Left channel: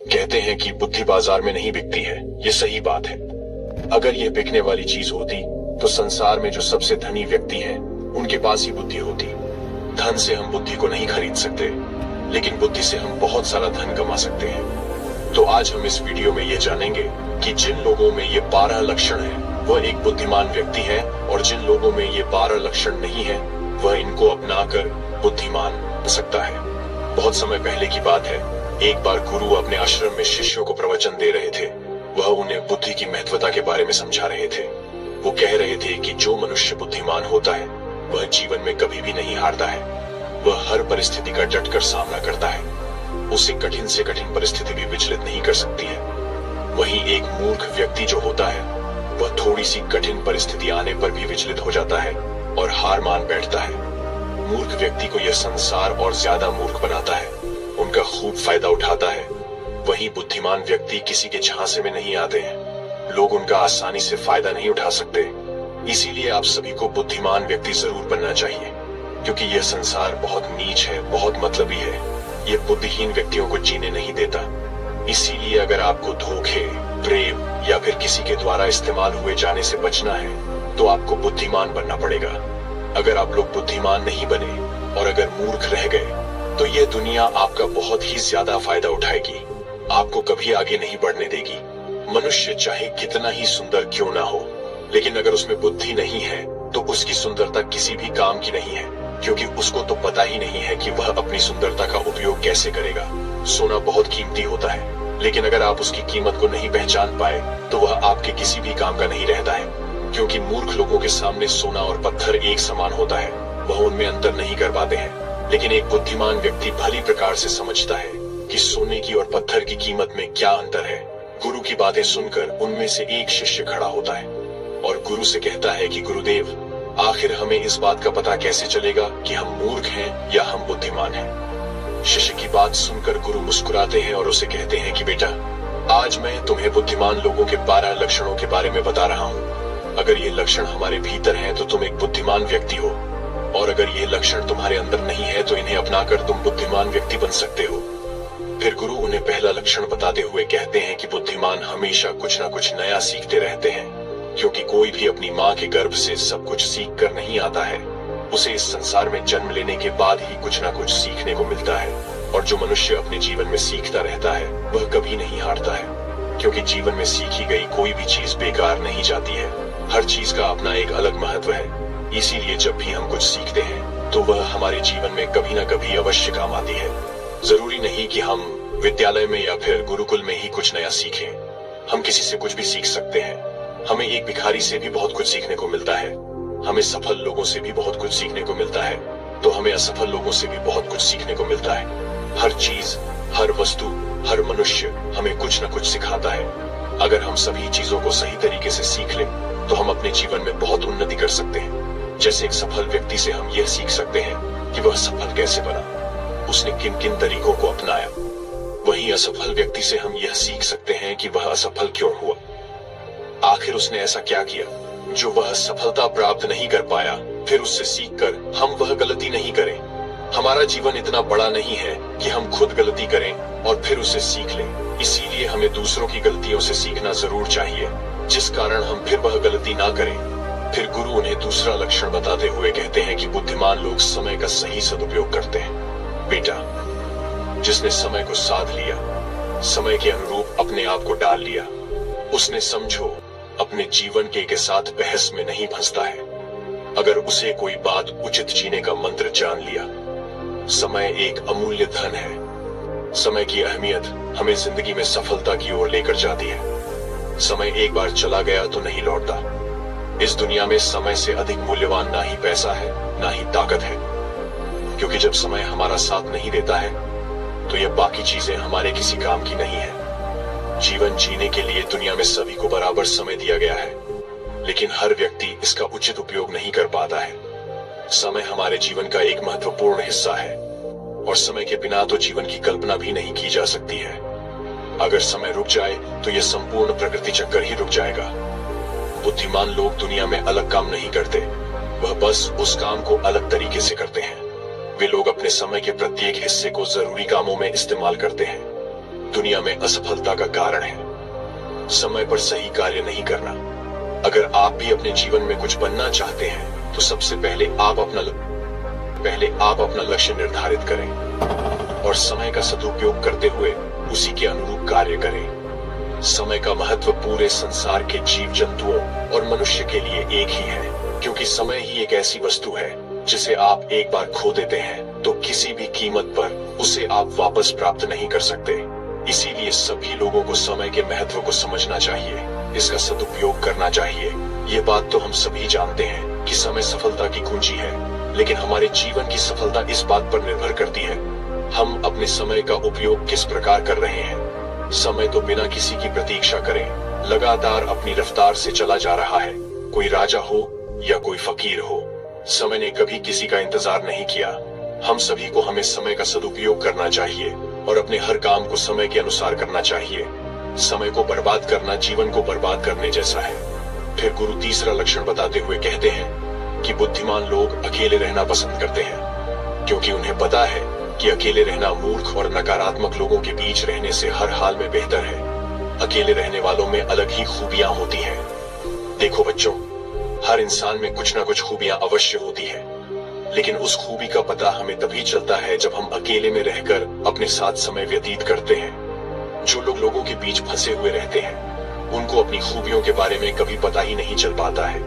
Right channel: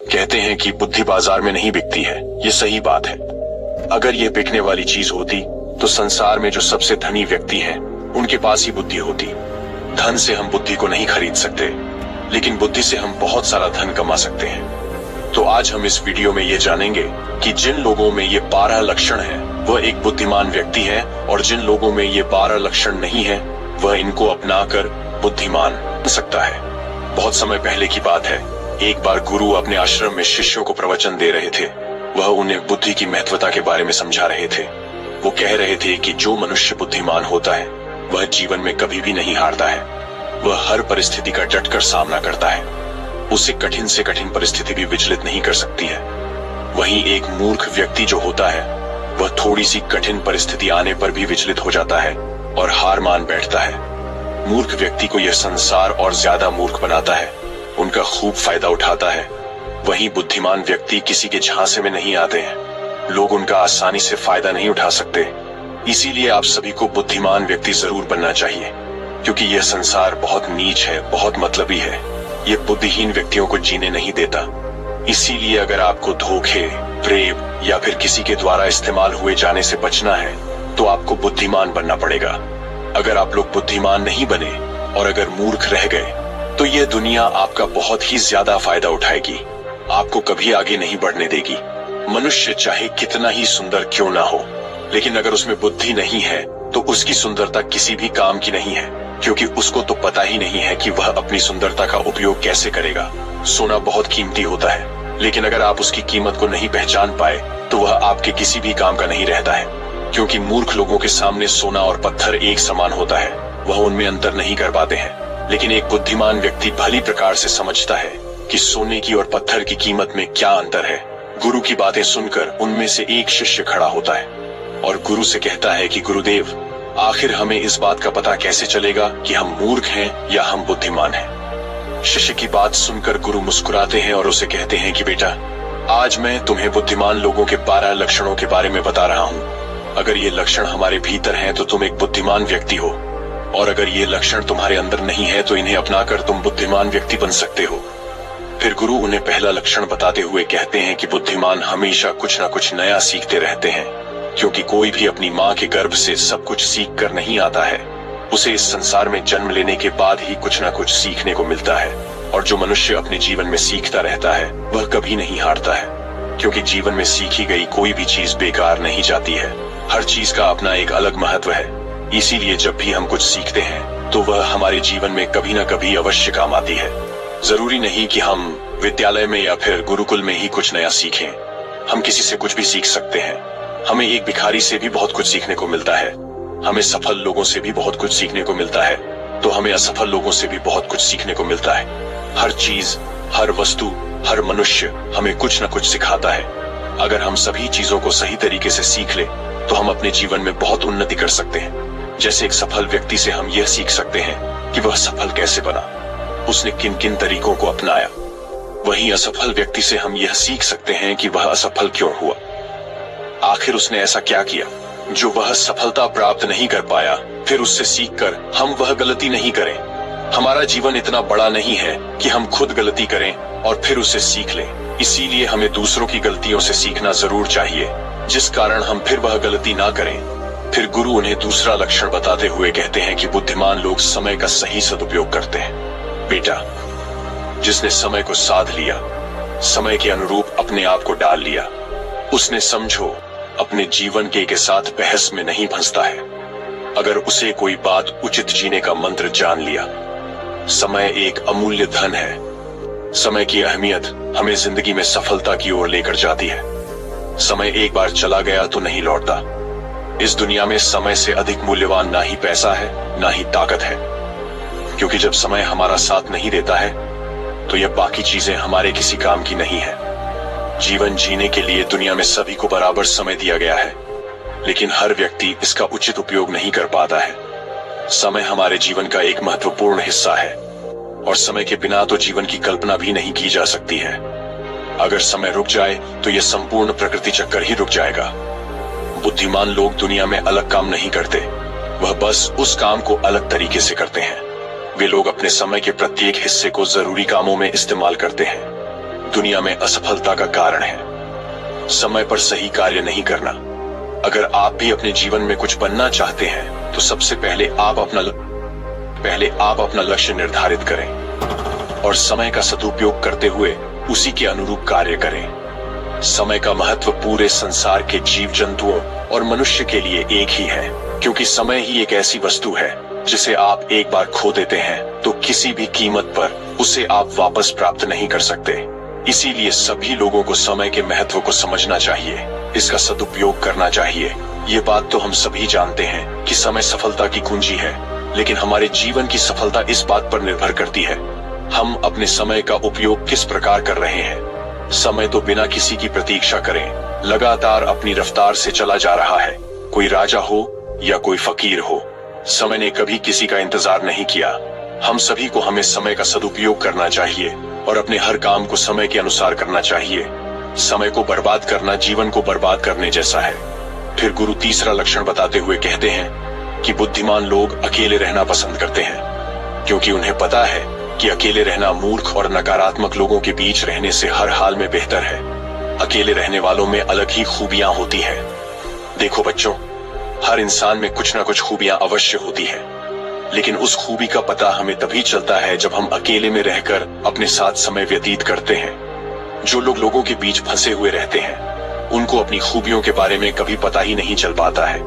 कहते हैं कि बुद्धि बाजार में नहीं बिकती है। ये सही बात है। अगर ये बिकने वाली चीज होती तो संसार में जो सबसे धनी व्यक्ति हैं, उनके पास ही बुद्धि होती। धन से हम बुद्धि को नहीं खरीद सकते, लेकिन बुद्धि से हम बहुत सारा धन कमा सकते हैं। तो आज हम इस वीडियो में ये जानेंगे कि जिन लोगों में ये 12 लक्षण हैं, वह एक बुद्धिमान व्यक्ति है, और जिन लोगों में ये 12 लक्षण नहीं है, वह इनको अपनाकर बुद्धिमान बन सकता है। बहुत समय पहले की बात है, एक बार गुरु अपने आश्रम में शिष्यों को प्रवचन दे रहे थे। वह उन्हें बुद्धि की महत्वता के बारे में समझा रहे थे। वो कह रहे थे कि जो मनुष्य बुद्धिमान होता है, वह जीवन में कभी भी नहीं हारता है। वह हर परिस्थिति का डटकर सामना करता है। उसे कठिन से कठिन परिस्थिति भी विचलित नहीं कर सकती है। वहीं एक मूर्ख व्यक्ति जो होता है, वह थोड़ी सी कठिन परिस्थिति आने पर भी विचलित हो जाता है और हार मान बैठता है। मूर्ख व्यक्ति को यह संसार और ज्यादा मूर्ख बनाता है, उनका खूब फायदा उठाता है। वहीं बुद्धिमान व्यक्ति किसी के झांसे में नहीं आते हैं। लोग उनका आसानी से फायदा नहीं उठा सकते। इसीलिए आप सभी को बुद्धिमान व्यक्ति जरूर बनना चाहिए, क्योंकि यह संसार बहुत नीच है, बहुत मतलबी है। यह बुद्धिहीन व्यक्तियों को जीने नहीं देता। इसीलिए अगर आपको धोखे, प्रेम या फिर किसी के द्वारा इस्तेमाल हुए जाने से बचना है, तो आपको बुद्धिमान बनना पड़ेगा। अगर आप लोग बुद्धिमान नहीं बने और अगर मूर्ख रह गए, तो यह दुनिया आपका बहुत ही ज्यादा फायदा उठाएगी, आपको कभी आगे नहीं बढ़ने देगी। मनुष्य चाहे कितना ही सुंदर क्यों ना हो, लेकिन अगर उसमें बुद्धि नहीं है, तो उसकी सुंदरता किसी भी काम की नहीं है, क्योंकि उसको तो पता ही नहीं है कि वह अपनी सुंदरता का उपयोग कैसे करेगा। सोना बहुत कीमती होता है, लेकिन अगर आप उसकी कीमत को नहीं पहचान पाए, तो वह आपके किसी भी काम का नहीं रहता है। क्योंकि मूर्ख लोगों के सामने सोना और पत्थर एक समान होता है, वह उनमें अंतर नहीं कर पाते हैं। लेकिन एक बुद्धिमान व्यक्ति भली प्रकार से समझता है कि सोने की और पत्थर की कीमत में क्या अंतर है। गुरु की बातें सुनकर उनमें से एक शिष्य खड़ा होता है और गुरु से कहता है कि गुरुदेव, आखिर हमें इस बात का पता कैसे चलेगा कि हम मूर्ख हैं या हम बुद्धिमान हैं। शिष्य की बात सुनकर गुरु मुस्कुराते हैं और उसे कहते हैं कि बेटा, आज मैं तुम्हें बुद्धिमान लोगों के 12 लक्षणों के बारे में बता रहा हूँ। अगर ये लक्षण हमारे भीतर हैं, तो तुम एक बुद्धिमान व्यक्ति हो, और अगर ये लक्षण तुम्हारे अंदर नहीं है, तो इन्हें अपनाकर तुम बुद्धिमान व्यक्ति बन सकते हो। फिर गुरु उन्हें पहला लक्षण बताते हुए कहते हैं कि बुद्धिमान हमेशा कुछ न कुछ नया सीखते रहते हैं, क्योंकि कोई भी अपनी माँ के गर्भ से सब कुछ सीख कर नहीं आता है। उसे इस संसार में जन्म लेने के बाद ही कुछ न कुछ सीखने को मिलता है। और जो मनुष्य अपने जीवन में सीखता रहता है, वह कभी नहीं हारता है, क्योंकि जीवन में सीखी गई कोई भी चीज बेकार नहीं जाती है। हर चीज का अपना एक अलग महत्व है। इसीलिए जब भी हम कुछ सीखते हैं, तो वह हमारे जीवन में कभी न कभी अवश्य काम आती है। जरूरी नहीं कि हम विद्यालय में या फिर गुरुकुल में ही कुछ नया सीखें। हम किसी से कुछ भी सीख सकते हैं। हमें एक भिखारी से भी बहुत कुछ सीखने को मिलता है। हमें सफल लोगों से भी बहुत कुछ सीखने को मिलता है, तो हमें असफल लोगों से भी बहुत कुछ सीखने को मिलता है। हर चीज, हर वस्तु, हर मनुष्य हमें कुछ न कुछ सिखाता है। अगर हम सभी चीजों को सही तरीके से सीख ले, तो हम अपने जीवन में बहुत उन्नति कर सकते हैं। जैसे एक सफल व्यक्ति से हम यह सीख सकते हैं कि वह सफल कैसे बना, उसने किन किन तरीकों को अपनाया। वहीं असफल व्यक्ति से हम यह सीख सकते हैं कि वह असफल क्यों हुआ। आखिर उसने ऐसा क्या किया जो वह सफलता प्राप्त नहीं कर पाया। फिर उससे सीखकर हम वह गलती नहीं करें। हमारा जीवन इतना बड़ा नहीं है कि हम खुद गलती करें और फिर उसे सीख लें। इसीलिए हमें दूसरों की गलतियों से सीखना जरूर चाहिए, जिस कारण हम फिर वह गलती ना करें। फिर गुरु उन्हें दूसरा लक्षण बताते हुए कहते हैं कि बुद्धिमान लोग समय का सही सदुपयोग करते हैं। बेटा, जिसने समय को साध लिया, समय के अनुरूप अपने आप को डाल लिया, उसने समझो अपने जीवन के साथ बहस में नहीं फंसता है। अगर उसे कोई बात उचित जीने का मंत्र जान लिया। समय एक अमूल्य धन है। समय की अहमियत हमें जिंदगी में सफलता की ओर लेकर जाती है। समय एक बार चला गया तो नहीं लौटता। इस दुनिया में समय से अधिक मूल्यवान ना ही पैसा है, ना ही ताकत है, क्योंकि जब समय हमारा साथ नहीं देता है, तो यह बाकी चीजें हमारे किसी काम की नहीं है। जीवन जीने के लिए दुनिया में सभी को बराबर समय दिया गया है, लेकिन हर व्यक्ति इसका उचित उपयोग नहीं कर पाता है। समय हमारे जीवन का एक महत्वपूर्ण हिस्सा है, और समय के बिना तो जीवन की कल्पना भी नहीं की जा सकती है। अगर समय रुक जाए, तो यह संपूर्ण प्रकृति चक्कर ही रुक जाएगा। बुद्धिमान लोग दुनिया में अलग काम नहीं करते, वह बस उस काम को अलग तरीके से करते हैं। वे लोग अपने समय के प्रत्येक हिस्से को जरूरी कामों में इस्तेमाल करते हैं। दुनिया में असफलता का कारण है समय पर सही कार्य नहीं करना। अगर आप भी अपने जीवन में कुछ बनना चाहते हैं तो सबसे पहले आप अपना लक्ष्य निर्धारित करें और समय का सदुपयोग करते हुए उसी के अनुरूप कार्य करें। समय का महत्व पूरे संसार के जीव जंतुओं और मनुष्य के लिए एक ही है, क्योंकि समय ही एक ऐसी वस्तु है जिसे आप एक बार खो देते हैं तो किसी भी कीमत पर उसे आप वापस प्राप्त नहीं कर सकते। इसीलिए सभी लोगों को समय के महत्व को समझना चाहिए, इसका सदुपयोग करना चाहिए। ये बात तो हम सभी जानते हैं कि समय सफलता की कुंजी है, लेकिन हमारे जीवन की सफलता इस बात पर निर्भर करती है हम अपने समय का उपयोग किस प्रकार कर रहे हैं। समय तो बिना किसी की प्रतीक्षा करे लगातार अपनी रफ्तार से चला जा रहा है। कोई राजा हो या कोई फकीर हो, समय ने कभी किसी का इंतजार नहीं किया। हम सभी को हमें समय का सदुपयोग करना चाहिए और अपने हर काम को समय के अनुसार करना चाहिए। समय को बर्बाद करना जीवन को बर्बाद करने जैसा है। फिर गुरु तीसरा लक्षण बताते हुए कहते हैं कि बुद्धिमान लोग अकेले रहना पसंद करते हैं, क्योंकि उन्हें पता है कि अकेले रहना मूर्ख और नकारात्मक लोगों के बीच रहने से हर हाल में बेहतर है। अकेले रहने वालों में अलग ही खूबियां होती हैं। देखो बच्चों, हर इंसान में कुछ ना कुछ खूबियां अवश्य होती है, लेकिन उस खूबी का पता हमें तभी चलता है जब हम अकेले में रहकर अपने साथ समय व्यतीत करते हैं। जो लोग लोगों के बीच फंसे हुए रहते हैं उनको अपनी खूबियों के बारे में कभी पता ही नहीं चल पाता है,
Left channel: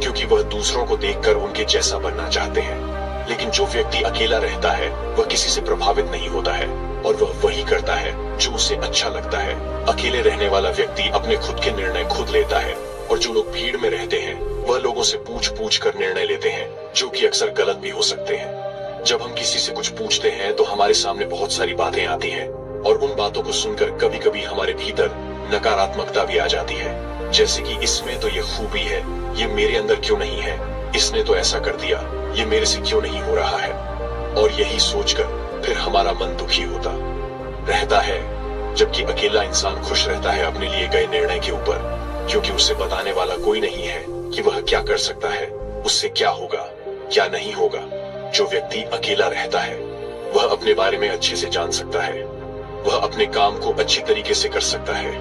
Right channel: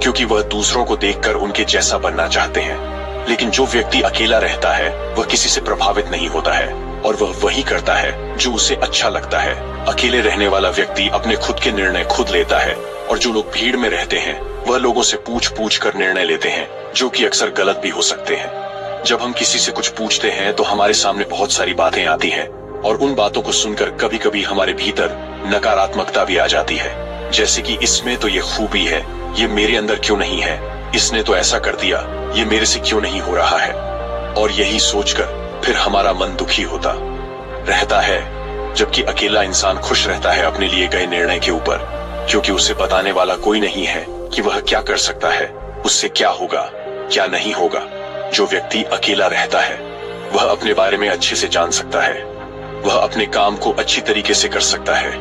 क्योंकि वह दूसरों को देखकर उनके जैसा बनना चाहते हैं। लेकिन जो व्यक्ति अकेला रहता है वह किसी से प्रभावित नहीं होता है और वह वही करता है जो उसे अच्छा लगता है। अकेले रहने वाला व्यक्ति अपने खुद के निर्णय खुद लेता है, और जो लोग भीड़ में रहते हैं वह लोगों से पूछ पूछ कर निर्णय लेते हैं, जो कि अक्सर गलत भी हो सकते हैं। जब हम किसी से कुछ पूछते हैं तो हमारे सामने बहुत सारी बातें आती हैं, और उन बातों को सुनकर कभी कभी हमारे भीतर नकारात्मकता भी आ जाती है, जैसे कि इसमें तो ये खूबी है, ये मेरे अंदर क्यों नहीं है, इसने तो ऐसा कर दिया, ये मेरे से क्यों नहीं हो रहा है। और यही सोचकर फिर हमारा मन दुखी होता रहता है, जबकि अकेला इंसान खुश रहता है अपने लिए गए निर्णय के ऊपर, क्योंकि उसे बताने वाला कोई नहीं है कि वह क्या कर सकता है, उससे क्या होगा क्या नहीं होगा। जो व्यक्ति अकेला रहता है वह अपने बारे में अच्छे से जान सकता है, वह अपने काम को अच्छी तरीके से कर सकता है,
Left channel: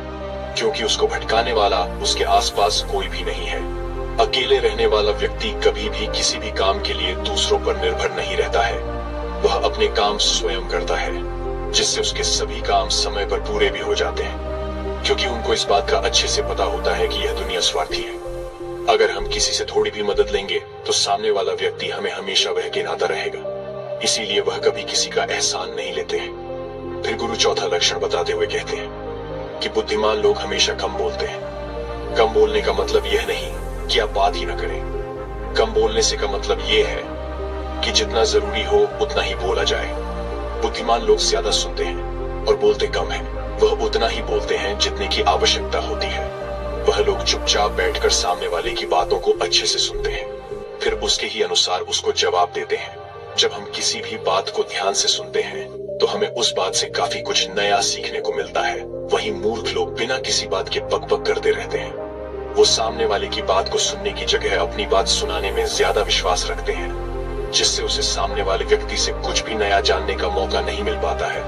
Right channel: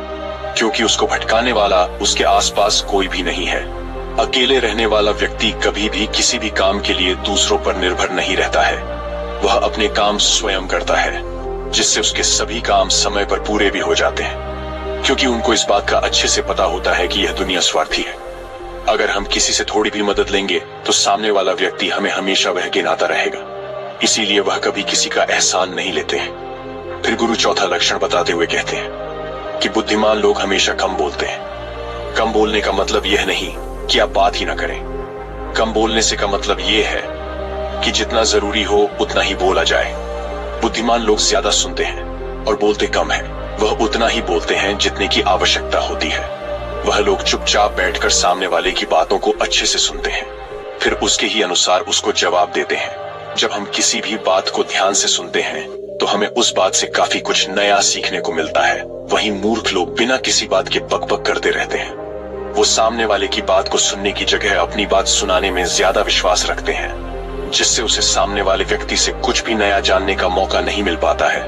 क्योंकि उसको भटकाने वाला उसके आसपास कोई भी नहीं है। अकेले रहने वाला व्यक्ति कभी भी किसी भी काम के लिए दूसरों पर निर्भर नहीं रहता है, वह अपने काम स्वयं करता है, जिससे उसके सभी काम समय पर पूरे भी हो जाते हैं, क्योंकि उनको इस बात का अच्छे से पता होता है कि यह दुनिया स्वार्थी है। अगर हम किसी से थोड़ी भी मदद लेंगे तो सामने वाला व्यक्ति हमें हमेशा वह गिनाता रहेगा, इसीलिए वह कभी किसी का एहसान नहीं लेते हैं। फिर गुरु चौथा लक्षण बताते हुए कहते हैं कि बुद्धिमान लोग हमेशा कम बोलते हैं। कम बोलने का मतलब यह नहीं कि आप बात ही ना करें। कम बोलने से का मतलब यह है कि जितना जरूरी हो उतना ही बोला जाए। बुद्धिमान लोग ज्यादा सुनते हैं और बोलते कम है। वह उतना ही बोलते हैं जितने की आवश्यकता होती है। वह लोग चुपचाप बैठकर सामने वाले की बातों को अच्छे से सुनते हैं, फिर उसके ही अनुसार उसको जवाब देते हैं। जब हम किसी भी बात को ध्यान से सुनते हैं तो हमें उस बात से काफी कुछ नया सीखने को मिलता है। वहीं मूर्ख लोग बिना किसी बात के बक बक करते रहते हैं। वो सामने वाले की बात को सुनने की जगह अपनी बात सुनाने में ज्यादा विश्वास रखते हैं, जिससे उसे सामने वाले व्यक्ति से कुछ भी नया जानने का मौका नहीं मिल पाता है।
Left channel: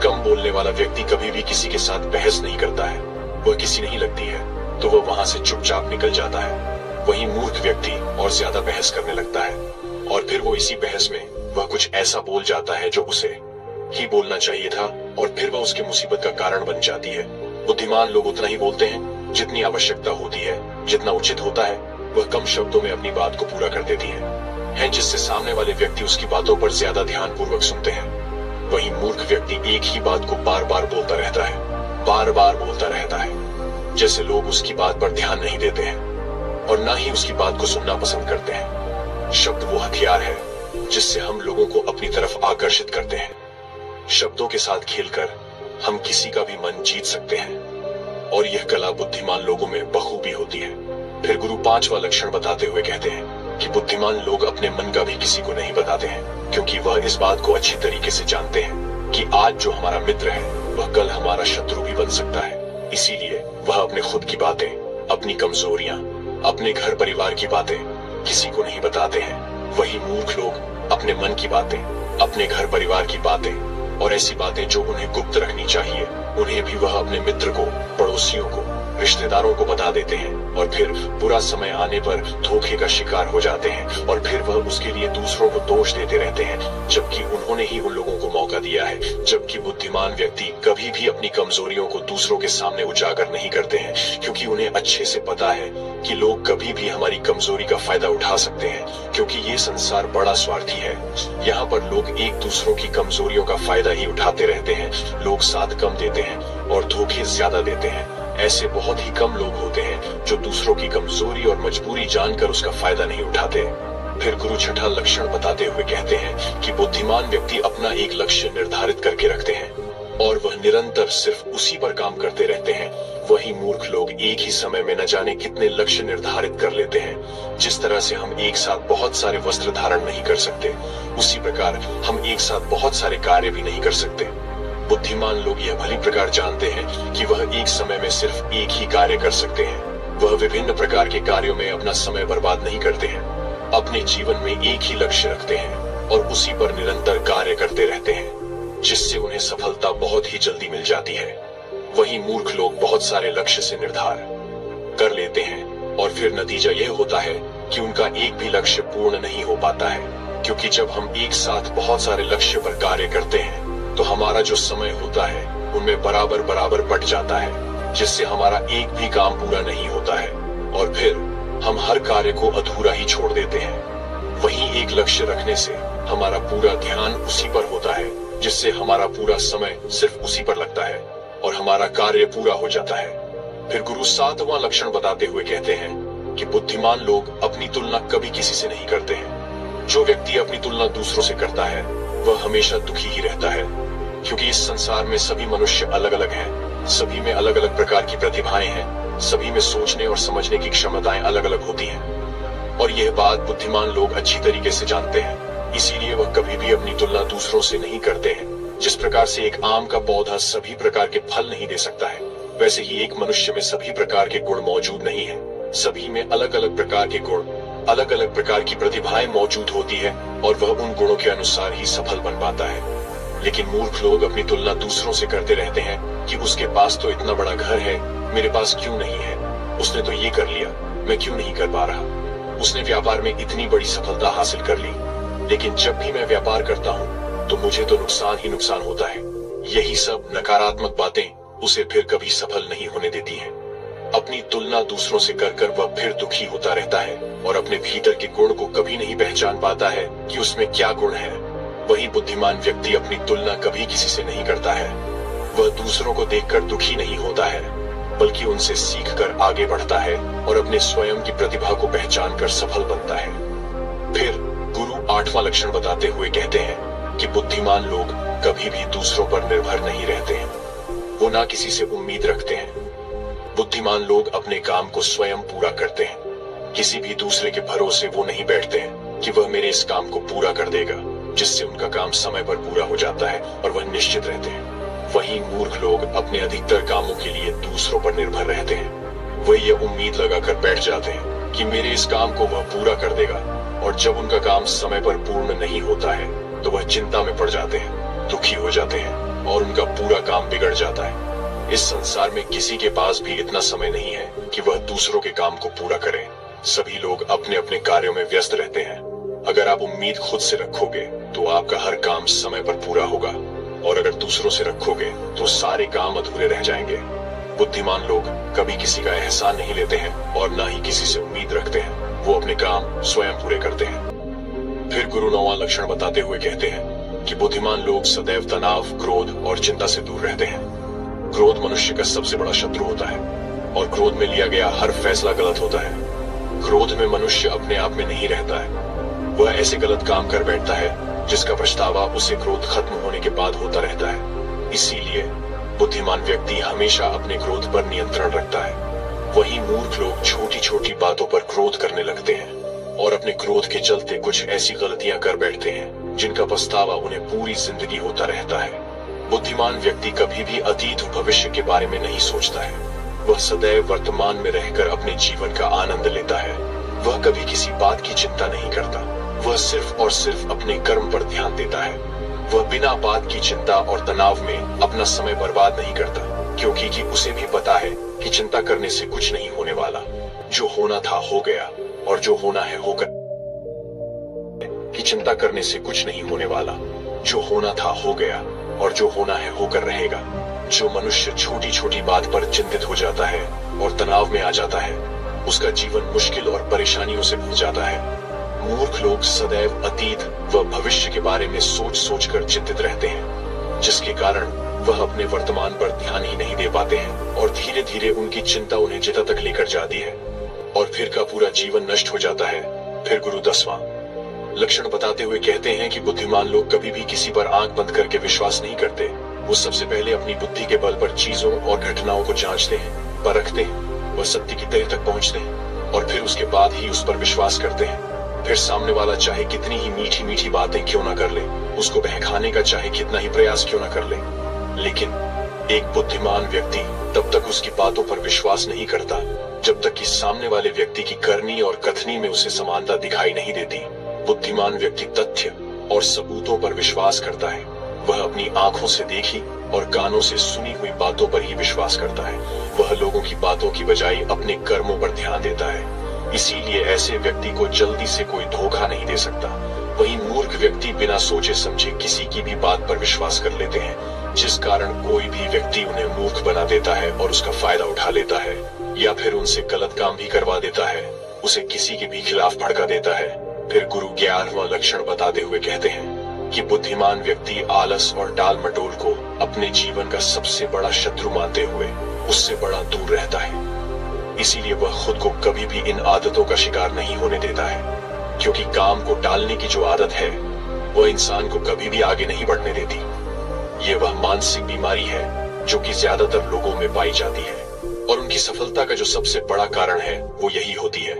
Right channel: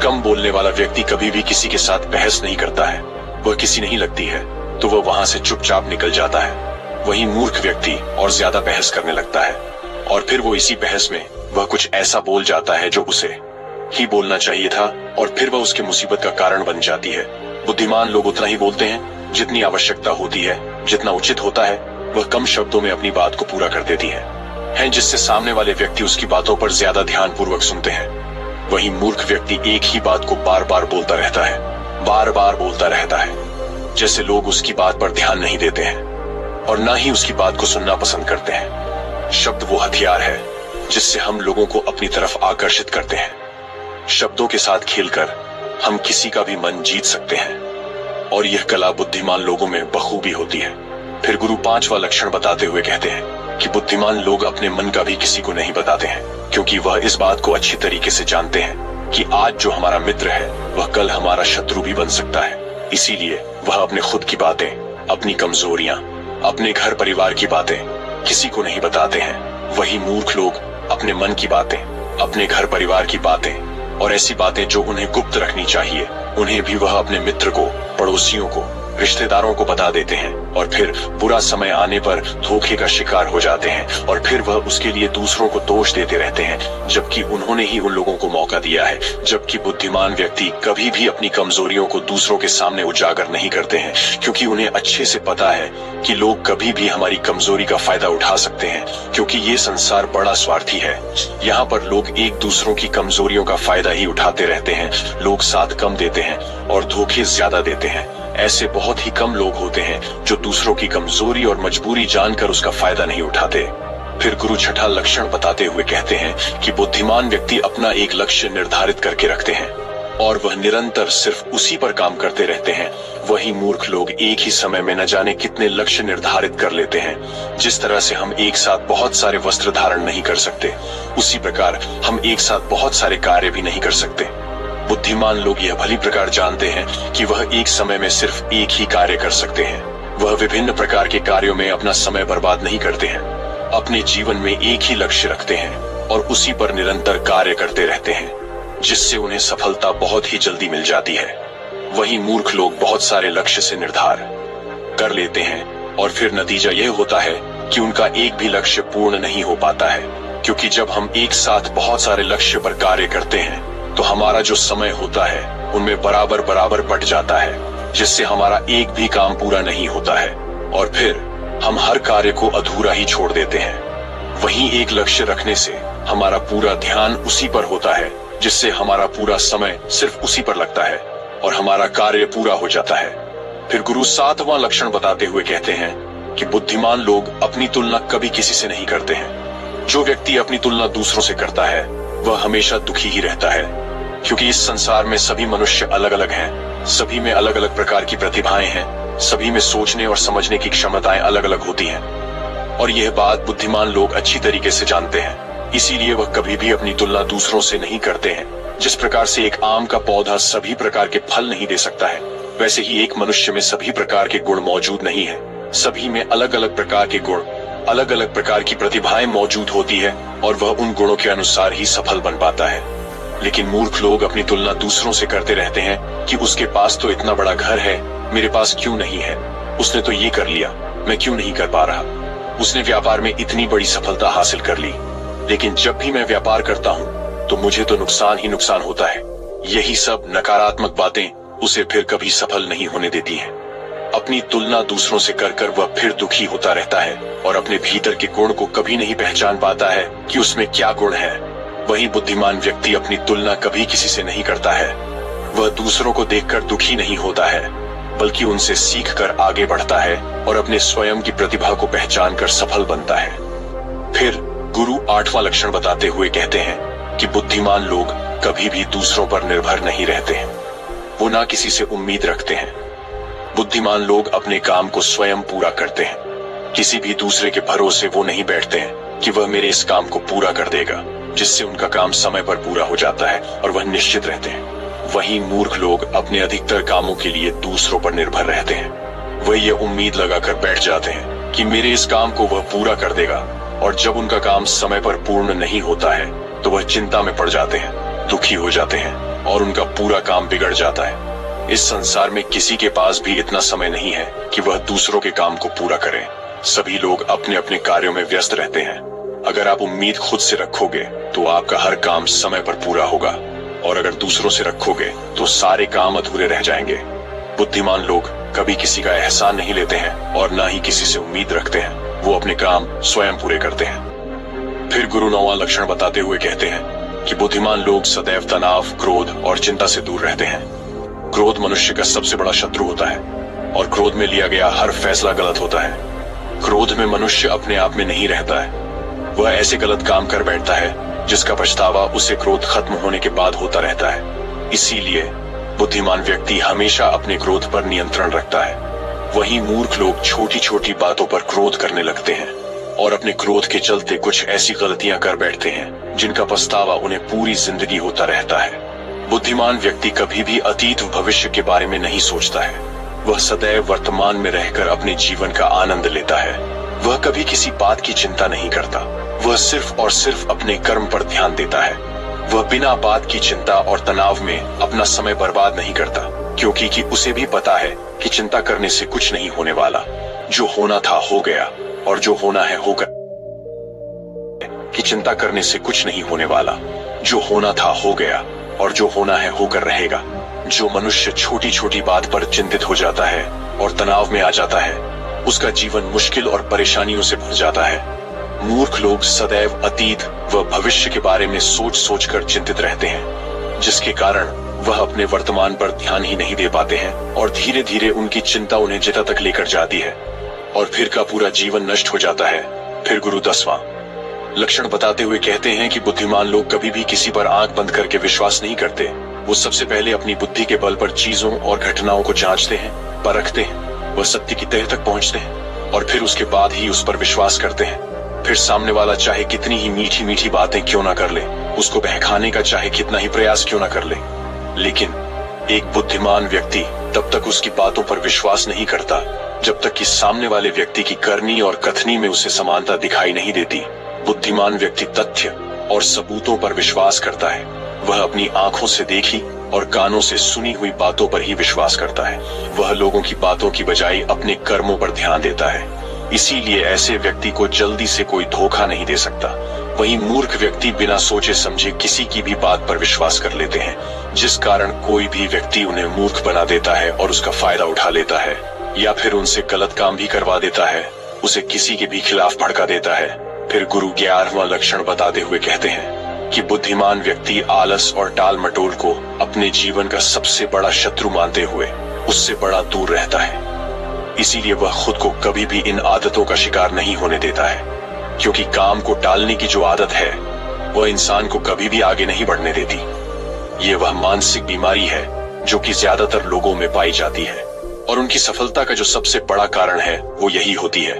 कम बोलने वाला व्यक्ति कभी भी किसी के साथ बहस नहीं करता है। वह किसी नहीं लगती है तो वह वहां से चुपचाप निकल जाता है। वहीं मूर्ख व्यक्ति और ज्यादा बहस करने लगता है, और फिर वो इसी बहस में वह कुछ ऐसा बोल जाता है जो उसे ही बोलना चाहिए था, और फिर वह उसकी मुसीबत का कारण बन जाती है। बुद्धिमान लोग उतना ही बोलते हैं जितनी आवश्यकता होती है, जितना उचित होता है। वह कम शब्दों में अपनी बात को पूरा कर देती है, जिससे सामने वाले व्यक्ति उसकी बातों पर ज्यादा ध्यान पूर्वक सुनते हैं। वहीं मूर्ख व्यक्ति एक ही बात को बार बार बोलता रहता है, बार बार बोलता रहता है, जैसे लोग उसकी बात पर ध्यान नहीं देते हैं और ना ही उसकी बात को सुनना पसंद करते हैं। शब्द वो हथियार है जिससे हम लोगों को अपनी तरफ आकर्षित करते हैं। शब्दों के साथ खेलकर हम किसी का भी मन जीत सकते हैं, और यह कला बुद्धिमान लोगों में बखूबी होती है। फिर गुरु पांचवा लक्षण बताते हुए कहते हैं कि बुद्धिमान लोग अपने मन का भी किसी को नहीं बताते हैं, क्योंकि वह इस बात को अच्छी तरीके से जानते हैं कि आज जो हमारा मित्र है वह कल हमारा शत्रु भी बन सकता है। इसीलिए वह अपने खुद की बातें, अपनी कमजोरियां, अपने घर परिवार की बातें किसी को नहीं बताते हैं। वही मूर्ख लोग अपने मन की बातें, अपने घर परिवार की बातें और ऐसी बातें जो उन्हें गुप्त रखनी चाहिए उन्हें भी वह अपने मित्र को, पड़ोसियों को, रिश्तेदारों को बता देते हैं और फिर बुरा समय आने पर धोखे का शिकार हो जाते हैं और फिर वह उसके लिए दूसरों को दोष देते रहते हैं, जबकि उन्होंने ही उन लोगों को मौका दिया है। जबकि बुद्धिमान व्यक्ति कभी भी अपनी कमजोरियों को दूसरों के सामने उजागर नहीं करते हैं, क्योंकि उन्हें अच्छे से पता है कि लोग कभी भी हमारी कमजोरी का फायदा उठा सकते हैं, क्योंकि ये संसार बड़ा स्वार्थी है। यहाँ पर लोग एक दूसरों की कमजोरियों का फायदा ही उठाते रहते हैं। लोग साथ कम देते हैं और धोखे ज्यादा देते हैं। ऐसे बहुत ही कम लोग होते हैं जो दूसरों की कमजोरी और मजबूरी जानकर उसका फायदा नहीं उठाते। फिर गुरु छठा लक्षण बताते हुए कहते हैं कि बुद्धिमान व्यक्ति अपना एक लक्ष्य निर्धारित करके रखते हैं और वह निरंतर सिर्फ उसी पर काम करते रहते हैं। वही मूर्ख लोग एक ही समय में न जाने कितने लक्ष्य निर्धारित कर लेते हैं। जिस तरह से हम एक साथ बहुत सारे वस्त्र धारण नहीं कर सकते, उसी प्रकार हम एक साथ बहुत सारे कार्य भी नहीं कर सकते। बुद्धिमान लोग यह भली प्रकार जानते हैं कि वह एक समय में सिर्फ एक ही कार्य कर सकते हैं। वह विभिन्न प्रकार के कार्यों में अपना समय बर्बाद नहीं करते हैं। अपने जीवन में एक ही लक्ष्य रखते हैं और उसी पर निरंतर कार्य करते रहते हैं, जिससे उन्हें सफलता बहुत ही जल्दी मिल जाती है। वही मूर्ख लोग बहुत सारे लक्ष्य से निर्धार कर लेते हैं और फिर नतीजा यह होता है कि उनका एक भी लक्ष्य पूर्ण नहीं हो पाता है, क्योंकि जब हम एक साथ बहुत सारे लक्ष्य पर कार्य करते हैं तो हमारा जो समय होता है उनमें बराबर बराबर बट जाता है, जिससे हमारा एक भी काम पूरा नहीं होता है और फिर हम हर कार्य को अधूरा ही छोड़ देते हैं। वहीं एक लक्ष्य रखने से हमारा पूरा ध्यान उसी पर होता है, जिससे हमारा पूरा समय सिर्फ उसी पर लगता है और हमारा कार्य पूरा हो जाता है। फिर गुरु सातवां लक्षण बताते हुए कहते हैं कि बुद्धिमान लोग अपनी तुलना कभी किसी से नहीं करते हैं। जो व्यक्ति अपनी तुलना दूसरों से करता है वह हमेशा दुखी ही रहता है, क्योंकि इस संसार में सभी मनुष्य अलग अलग हैं, सभी में अलग अलग प्रकार की प्रतिभाएं हैं, सभी में सोचने और समझने की क्षमताएं अलग अलग होती हैं और यह बात बुद्धिमान लोग अच्छी तरीके से जानते हैं। इसीलिए वह कभी भी अपनी तुलना दूसरों से नहीं करते हैं। जिस प्रकार से एक आम का पौधा सभी प्रकार के फल नहीं दे सकता है, वैसे ही एक मनुष्य में सभी प्रकार के गुण मौजूद नहीं है। सभी में अलग अलग प्रकार के गुण, अलग अलग प्रकार की प्रतिभाएं मौजूद होती है और वह उन गुणों के अनुसार ही सफल बन पाता है। लेकिन मूर्ख लोग अपनी तुलना दूसरों से करते रहते हैं कि उसके पास तो इतना बड़ा घर है, मेरे पास क्यों नहीं है? उसने तो ये कर लिया, मैं क्यों नहीं कर पा रहा? उसने व्यापार में इतनी बड़ी सफलता हासिल कर ली, लेकिन जब भी मैं व्यापार करता हूँ तो मुझे तो नुकसान ही नुकसान होता है। यही सब नकारात्मक बातें उसे फिर कभी सफल नहीं होने देती हैं। अपनी तुलना दूसरों से कर वह फिर दुखी होता रहता है और अपने भीतर के गुण को कभी नहीं पहचान पाता है कि उसमें क्या गुण है। वही बुद्धिमान व्यक्ति अपनी तुलना कभी किसी से नहीं करता है। वह दूसरों को देखकर दुखी नहीं होता है, बल्कि उनसे सीखकर आगे बढ़ता है और अपने स्वयं की प्रतिभा को पहचान कर सफल बनता है। फिर गुरु आठवां लक्षण बताते हुए कहते हैं कि बुद्धिमान लोग कभी भी दूसरों पर निर्भर नहीं रहते हैं, वो ना किसी से उम्मीद रखते हैं। बुद्धिमान लोग अपने काम को स्वयं पूरा करते हैं। किसी भी दूसरे के भरोसे वो नहीं बैठते हैं कि वह मेरे इस काम को पूरा कर देगा, जिससे उनका काम समय पर पूरा हो जाता है और वह निश्चित रहते हैं। वहीं मूर्ख लोग अपने अधिकतर कामों के लिए दूसरों पर निर्भर रहते हैं। वह ये उम्मीद लगाकर बैठ जाते हैं कि मेरे इस काम को वह पूरा कर देगा, और जब उनका काम समय पर पूर्ण नहीं होता है तो वह चिंता में पड़ जाते हैं, दुखी हो जाते हैं और उनका पूरा काम बिगड़ जाता है। इस संसार में किसी के पास भी इतना समय नहीं है कि वह दूसरों के काम को पूरा करे। सभी लोग अपने अपने कार्यों में व्यस्त रहते हैं। अगर आप उम्मीद खुद से रखोगे तो आपका हर काम समय पर पूरा होगा, और अगर दूसरों से रखोगे तो सारे काम अधूरे रह जाएंगे। बुद्धिमान लोग कभी किसी का एहसान नहीं लेते हैं और ना ही किसी से उम्मीद रखते हैं। वो अपने काम स्वयं पूरे करते हैं। फिर गुरु नौवां लक्षण बताते हुए कहते हैं कि बुद्धिमान लोग सदैव तनाव, क्रोध और चिंता से दूर रहते हैं। क्रोध मनुष्य का सबसे बड़ा शत्रु होता है और क्रोध में लिया गया हर फैसला गलत होता है। क्रोध में मनुष्य अपने आप में नहीं रहता है। वह ऐसे गलत काम कर बैठता है जिसका पछतावा उसे क्रोध खत्म होने के बाद होता रहता है। इसीलिए बुद्धिमान व्यक्ति हमेशा अपने क्रोध पर नियंत्रण रखता है। वहीं मूर्ख लोग छोटी छोटी बातों पर क्रोध करने लगते हैं और अपने क्रोध के चलते कुछ ऐसी गलतियां कर बैठते हैं जिनका पछतावा उन्हें पूरी जिंदगी होता रहता है। बुद्धिमान व्यक्ति कभी भी अतीत भविष्य के बारे में नहीं सोचता है। वह सदैव वर्तमान में रहकर अपने जीवन का आनंद लेता है। वह कभी किसी बात की चिंता नहीं करता। वह सिर्फ और सिर्फ अपने कर्म पर ध्यान देता है। वह बिना बात की चिंता और तनाव में अपना समय बर्बाद नहीं करता, क्योंकि कि उसे भी पता है कि चिंता करने से कुछ नहीं होने वाला। जो होना था हो गया और जो होना है होगा। कि चिंता करने से कुछ नहीं होने वाला। जो होना था हो गया और जो होना है होकर रहेगा। जो मनुष्य छोटी छोटी बात पर चिंतित हो जाता है और तनाव में आ जाता है, उसका जीवन मुश्किल और परेशानियों से भर जाता है। मूर्ख लोग सदैव अतीत व भविष्य के बारे में सोच सोच कर चिंतित रहते हैं, जिसके कारण वह अपने वर्तमान पर ध्यान ही नहीं दे पाते हैं और धीरे धीरे उनकी चिंता उन्हें जिता तक लेकर जाती है और फिर का पूरा जीवन नष्ट हो जाता है। फिर गुरु 10वां लक्षण बताते हुए कहते हैं कि बुद्धिमान लोग कभी भी किसी पर आंख बंद करके विश्वास नहीं करते। वो सबसे पहले अपनी बुद्धि के बल पर चीजों और घटनाओं को जांचते हैं, परखते हैं, वह सत्य की तह तक पहुंचते हैं और फिर उसके बाद ही उस पर विश्वास करते हैं। फिर सामने वाला चाहे कितनी ही मीठी मीठी बातें क्यों ना कर ले, उसको बहकाने का चाहे कितना ही प्रयास क्यों ना कर ले, लेकिन एक बुद्धिमान व्यक्ति तब तक उसकी बातों पर विश्वास नहीं करता जब तक कि सामने वाले व्यक्ति की करनी और कथनी में उसे समानता दिखाई नहीं देती। बुद्धिमान व्यक्ति तथ्य और सबूतों पर विश्वास करता है। वह अपनी आंखों से देखी और कानों से सुनी हुई बातों पर ही विश्वास करता है। वह लोगों की बातों की बजाय अपने कर्मों पर ध्यान देता है। इसीलिए ऐसे व्यक्ति को जल्दी से कोई धोखा नहीं दे सकता। वही मूर्ख व्यक्ति बिना सोचे समझे किसी की भी बात पर विश्वास कर लेते हैं, जिस कारण कोई भी व्यक्ति उन्हें मूर्ख बना देता है और उसका फायदा उठा लेता है, या फिर उनसे गलत काम भी करवा देता है, उसे किसी के भी खिलाफ भड़का देता है। फिर गुरु 11वां लक्षण बताते हुए कहते हैं कि बुद्धिमान व्यक्ति आलस और टाल मटोल को अपने जीवन का सबसे बड़ा शत्रु मानते हुए उससे बड़ा दूर रहता है। इसीलिए वह खुद को कभी भी इन आदतों का शिकार नहीं होने देता है, क्योंकि काम को टालने की जो आदत है वह इंसान को कभी भी आगे नहीं बढ़ने देती। ये वह मानसिक बीमारी है जो कि ज्यादातर लोगों में पाई जाती है और उनकी सफलता का जो सबसे बड़ा कारण है वो यही होती है।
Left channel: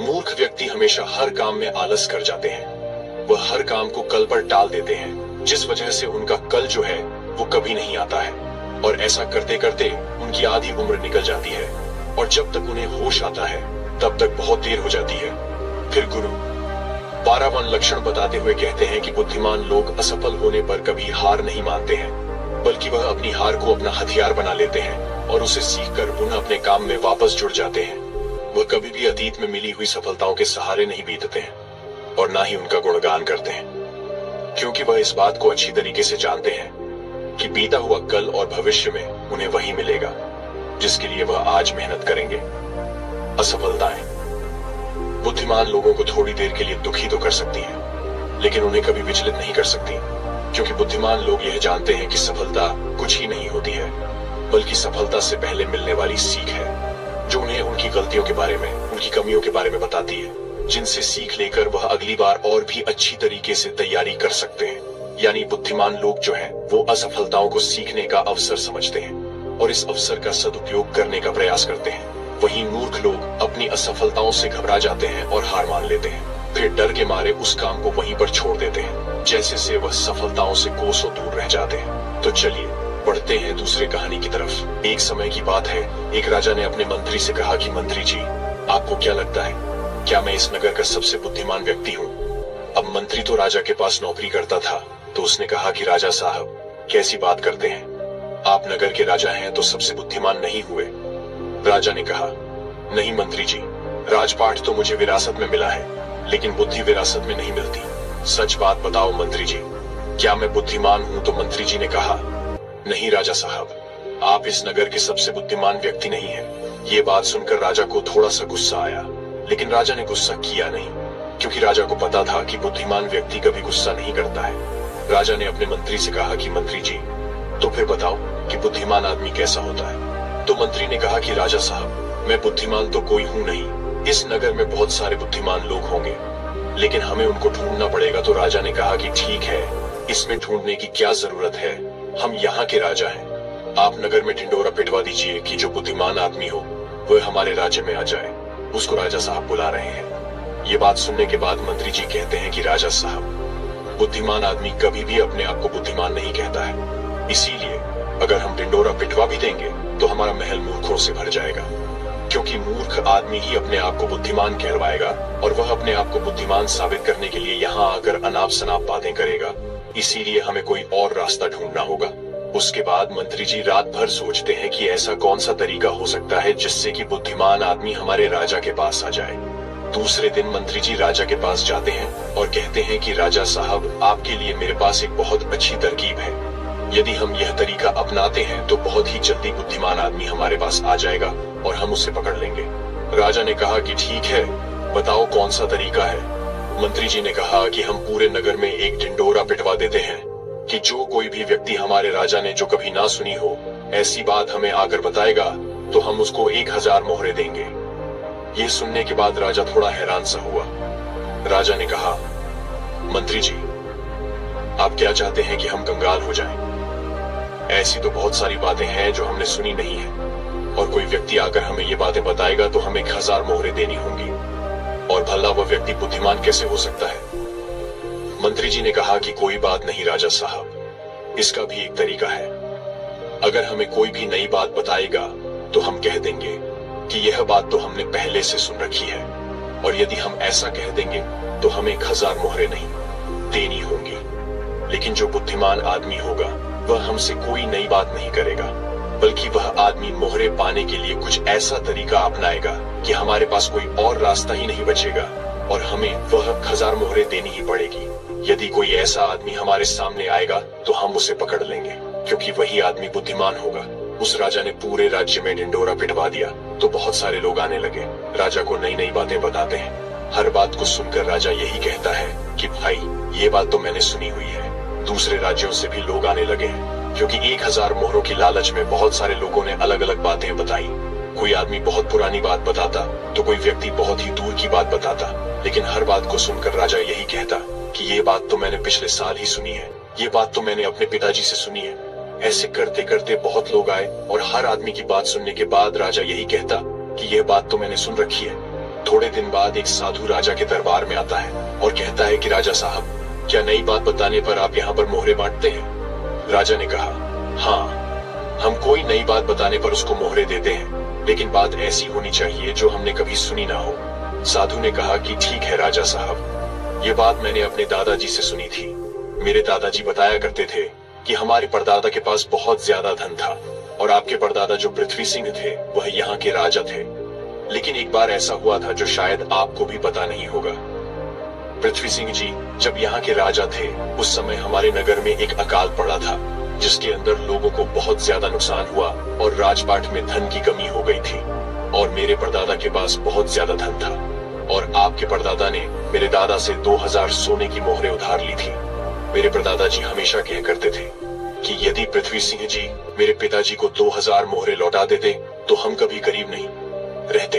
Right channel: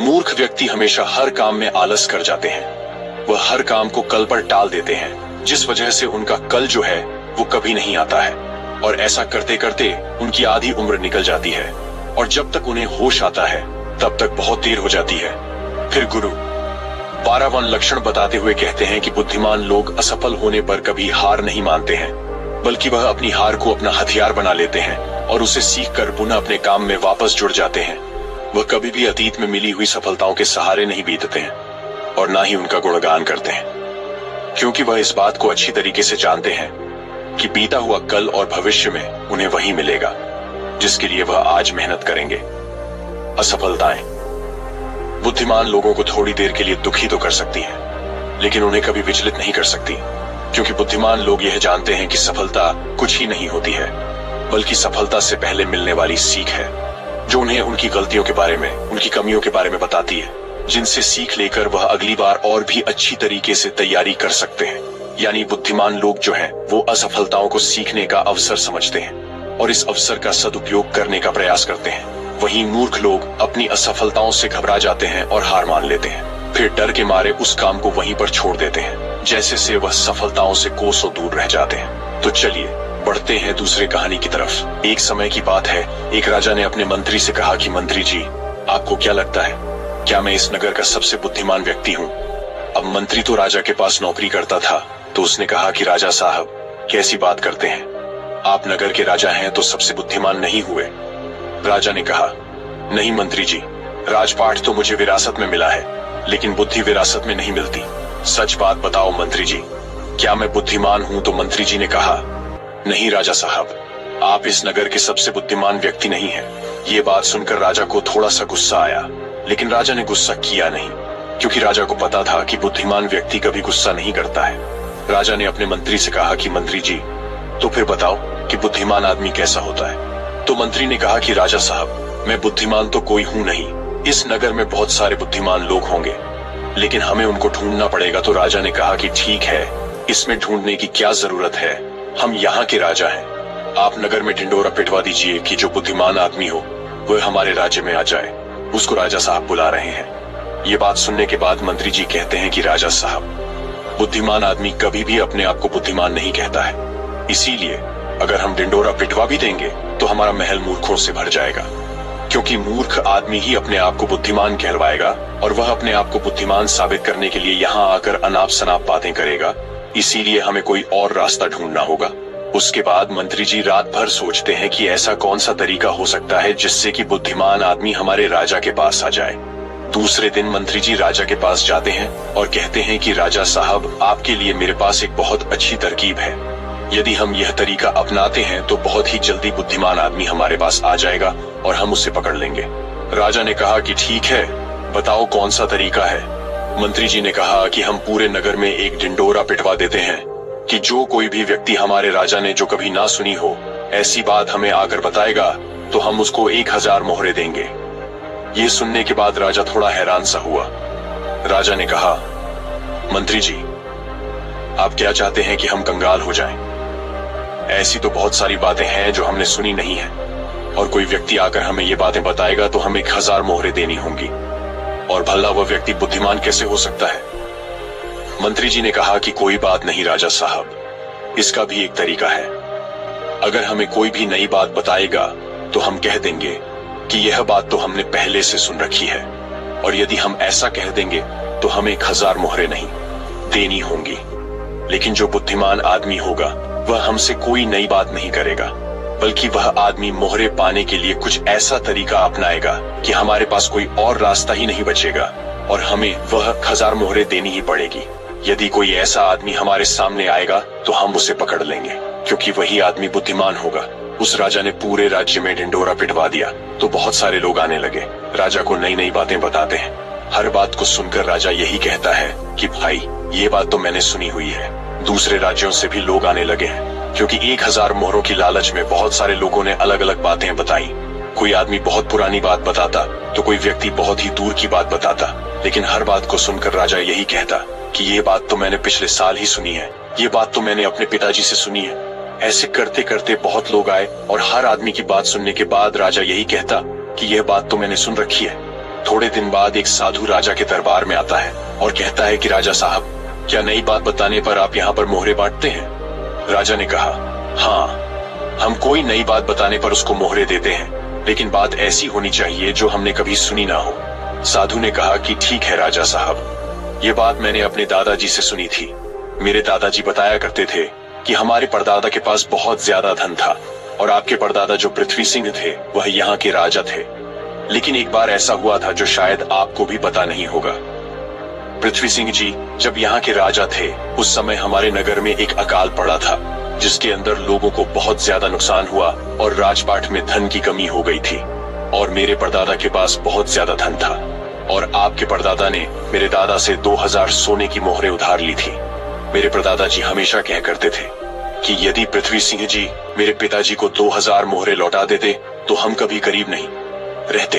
मूर्ख व्यक्ति हमेशा हर काम में आलस कर जाते हैं। वह हर काम को कल पर टाल देते हैं, जिस वजह से उनका कल जो है वो कभी नहीं आता है और ऐसा करते करते उनकी आधी उम्र निकल जाती है और जब तक उन्हें होश आता है तब तक बहुत देर हो जाती है। फिर गुरु 12वां लक्षण बताते हुए कहते हैं कि बुद्धिमान लोग असफल होने पर कभी हार नहीं मानते हैं, बल्कि वह अपनी हार को अपना हथियार बना लेते हैं और उसे सीख कर पुनः अपने काम में वापस जुड़ जाते हैं। वह कभी भी अतीत में मिली हुई सफलताओं के सहारे नहीं बीतते हैं और ना ही उनका गुणगान करते हैं, क्योंकि वह इस बात को अच्छी तरीके से जानते हैं कि बीता हुआ कल और भविष्य में उन्हें वही मिलेगा जिसके लिए वह आज मेहनत करेंगे। असफलताएं बुद्धिमान लोगों को थोड़ी देर के लिए दुखी तो कर सकती हैं, लेकिन उन्हें कभी विचलित नहीं कर सकती, क्योंकि बुद्धिमान लोग यह जानते हैं कि सफलता कुछ ही नहीं होती है, बल्कि सफलता से पहले मिलने वाली सीख है, जो उन्हें उनकी गलतियों के बारे में, उनकी कमियों के बारे में बताती है, जिनसे सीख लेकर वह अगली बार और भी अच्छी तरीके से तैयारी कर सकते हैं। यानी बुद्धिमान लोग जो हैं, वो असफलताओं को सीखने का अवसर समझते हैं और इस अवसर का सदुपयोग करने का प्रयास करते हैं। वहीं मूर्ख लोग अपनी असफलताओं से घबरा जाते हैं और हार मान लेते हैं, फिर डर के मारे उस काम को वहीं पर छोड़ देते हैं, जैसे से वह सफलताओं से कोसों दूर रह जाते हैं। तो चलिए बढ़ते हैं दूसरे कहानी की तरफ। एक समय की बात है, एक राजा ने अपने मंत्री से कहा कि मंत्री जी, आपको क्या लगता है, क्या मैं इस नगर का सबसे बुद्धिमान व्यक्ति हूँ? अब मंत्री तो राजा के पास नौकरी करता था, तो उसने कहा कि राजा साहब, कैसी बात करते हैं, आप नगर के राजा हैं तो सबसे बुद्धिमान नहीं हुए। राजा ने कहा, नहीं मंत्री जी, राजपाट तो मुझे विरासत में मिला है, लेकिन बुद्धि विरासत में नहीं मिलती। सच बात बताओ मंत्री जी, क्या मैं बुद्धिमान हूँ? तो मंत्री जी ने कहा, नहीं राजा साहब, आप इस नगर के सबसे बुद्धिमान व्यक्ति नहीं हैं। ये बात सुनकर राजा को थोड़ा सा गुस्सा आया, लेकिन राजा ने गुस्सा किया नहीं, क्योंकि राजा को पता था कि बुद्धिमान व्यक्ति कभी गुस्सा नहीं करता है। राजा ने अपने मंत्री से कहा कि मंत्री जी, तो फिर बताओ कि बुद्धिमान आदमी कैसा होता है? तो मंत्री ने कहा कि राजा साहब, मैं बुद्धिमान तो कोई हूँ नहीं, इस नगर में बहुत सारे बुद्धिमान लोग होंगे, लेकिन हमें उनको ढूंढना पड़ेगा। तो राजा ने कहा कि ठीक है, इसमें ढूंढने की क्या जरूरत है, हम यहाँ के राजा हैं। आप नगर में ढिंडोरा पिटवा दीजिए कि जो बुद्धिमान आदमी हो वह हमारे राज्य में आ जाए, उसको राजा साहब बुला रहे हैं। ये बात सुनने के बाद मंत्री जी कहते हैं कि राजा साहब, बुद्धिमान आदमी कभी भी अपने आप को बुद्धिमान नहीं कहता है, इसीलिए अगर हम ढिंडोरा पिटवा भी देंगे तो हमारा महल मूर्खों से भर जाएगा, क्योंकि मूर्ख आदमी ही अपने आप को बुद्धिमान कहलवाएगा और वह अपने आप को बुद्धिमान साबित करने के लिए यहाँ आकर अनाप शनाप बातें करेगा इसीलिए हमें कोई और रास्ता ढूंढना होगा। उसके बाद मंत्री जी रात भर सोचते हैं कि ऐसा कौन सा तरीका हो सकता है जिससे कि बुद्धिमान आदमी हमारे राजा के पास आ जाए। दूसरे दिन मंत्री जी राजा के पास जाते हैं और कहते हैं कि राजा साहब, आपके लिए मेरे पास एक बहुत अच्छी तरकीब है। यदि हम यह तरीका अपनाते हैं तो बहुत ही जल्दी बुद्धिमान आदमी हमारे पास आ जाएगा और हम उसे पकड़ लेंगे। राजा ने कहा कि ठीक है, बताओ कौन सा तरीका है। मंत्री जी ने कहा कि हम पूरे नगर में एक ढिंडोरा पिटवा देते हैं कि जो कोई भी व्यक्ति हमारे राजा ने जो कभी ना सुनी हो ऐसी बात हमें आकर बताएगा तो हम उसको 1000 मोहरे देंगे। ये सुनने के बाद राजा थोड़ा हैरान सा हुआ। राजा ने कहा, मंत्री जी, आप क्या चाहते हैं कि हम कंगाल हो जाएं? ऐसी तो बहुत सारी बातें हैं जो हमने सुनी नहीं है, और कोई व्यक्ति आकर हमें ये बातें बताएगा तो हमें 1000 मोहरे देनी होंगी, और भला वह व्यक्ति बुद्धिमान कैसे हो सकता है? मंत्री जी ने कहा कि कोई बात नहीं राजा साहब, इसका भी एक तरीका है। अगर हमें कोई भी नई बात बताएगा तो हम कह देंगे कि यह बात तो हमने पहले से सुन रखी है, और यदि हम ऐसा कह देंगे तो हमें 1000 मोहरे नहीं देनी होंगी। लेकिन जो बुद्धिमान आदमी होगा वह हमसे कोई नई बात नहीं करेगा, बल्कि वह आदमी मोहरे पाने के लिए कुछ ऐसा तरीका अपनाएगा कि हमारे पास कोई और रास्ता ही नहीं बचेगा और हमें वह 1000 मोहरे देनी ही पड़ेगी। यदि कोई ऐसा आदमी हमारे सामने आएगा तो हम उसे पकड़ लेंगे, क्योंकि वही आदमी बुद्धिमान होगा। उस राजा ने पूरे राज्य में ढिंडोरा पिटवा दिया तो बहुत सारे लोग आने लगे, राजा को नई नई बातें बताते हैं। हर बात को सुनकर राजा यही कहता है कि भाई, ये बात तो मैंने सुनी हुई है। दूसरे राज्यों से भी लोग आने लगे हैं, क्योंकि 1000 मोहरों की लालच में बहुत सारे लोगों ने अलग अलग बातें बताई। कोई आदमी बहुत पुरानी बात बताता तो कोई व्यक्ति बहुत ही दूर की बात बताता, लेकिन हर बात को सुनकर राजा यही कहता कि ये बात तो मैंने पिछले साल ही सुनी है, ये बात तो मैंने अपने पिताजी से सुनी है। ऐसे करते करते बहुत लोग आए और हर आदमी की बात सुनने के बाद राजा यही कहता कि यह बात तो मैंने सुन रखी है। थोड़े दिन बाद एक साधु राजा के दरबार में आता है और कहता है कि राजा साहब, क्या नई बात बताने पर आप यहाँ पर मोहरे बांटते हैं? राजा ने कहा, हाँ, हम कोई नई बात बताने पर उसको मोहरे देते हैं, लेकिन बात ऐसी होनी चाहिए जो हमने कभी सुनी ना हो। साधु ने कहा कि ठीक है राजा साहब, ये बात मैंने अपने दादाजी से सुनी थी। मेरे दादाजी बताया करते थे कि हमारे परदादा के पास बहुत ज्यादा धन था, और आपके परदादा जो पृथ्वी सिंह थे वह यहाँ के राजा थे। लेकिन एक बार ऐसा हुआ था जो शायद आपको भी पता नहीं होगा। पृथ्वी सिंह जी जब यहाँ के राजा थे उस समय हमारे नगर में एक अकाल पड़ा था, जिसके अंदर लोगों को बहुत ज्यादा नुकसान हुआ और राजपाट में धन की कमी हो गई थी। और मेरे परदादा के पास बहुत ज्यादा धन था, और आपके परदादा ने मेरे दादा से 2000 सोने की मोहरें उधार ली थी। मेरे परदादा जी हमेशा कह करते थे कि यदि पृथ्वी सिंह जी मेरे पिताजी को 2000 मोहरे लौटा देते तो हम कभी गरीब नहीं रहते।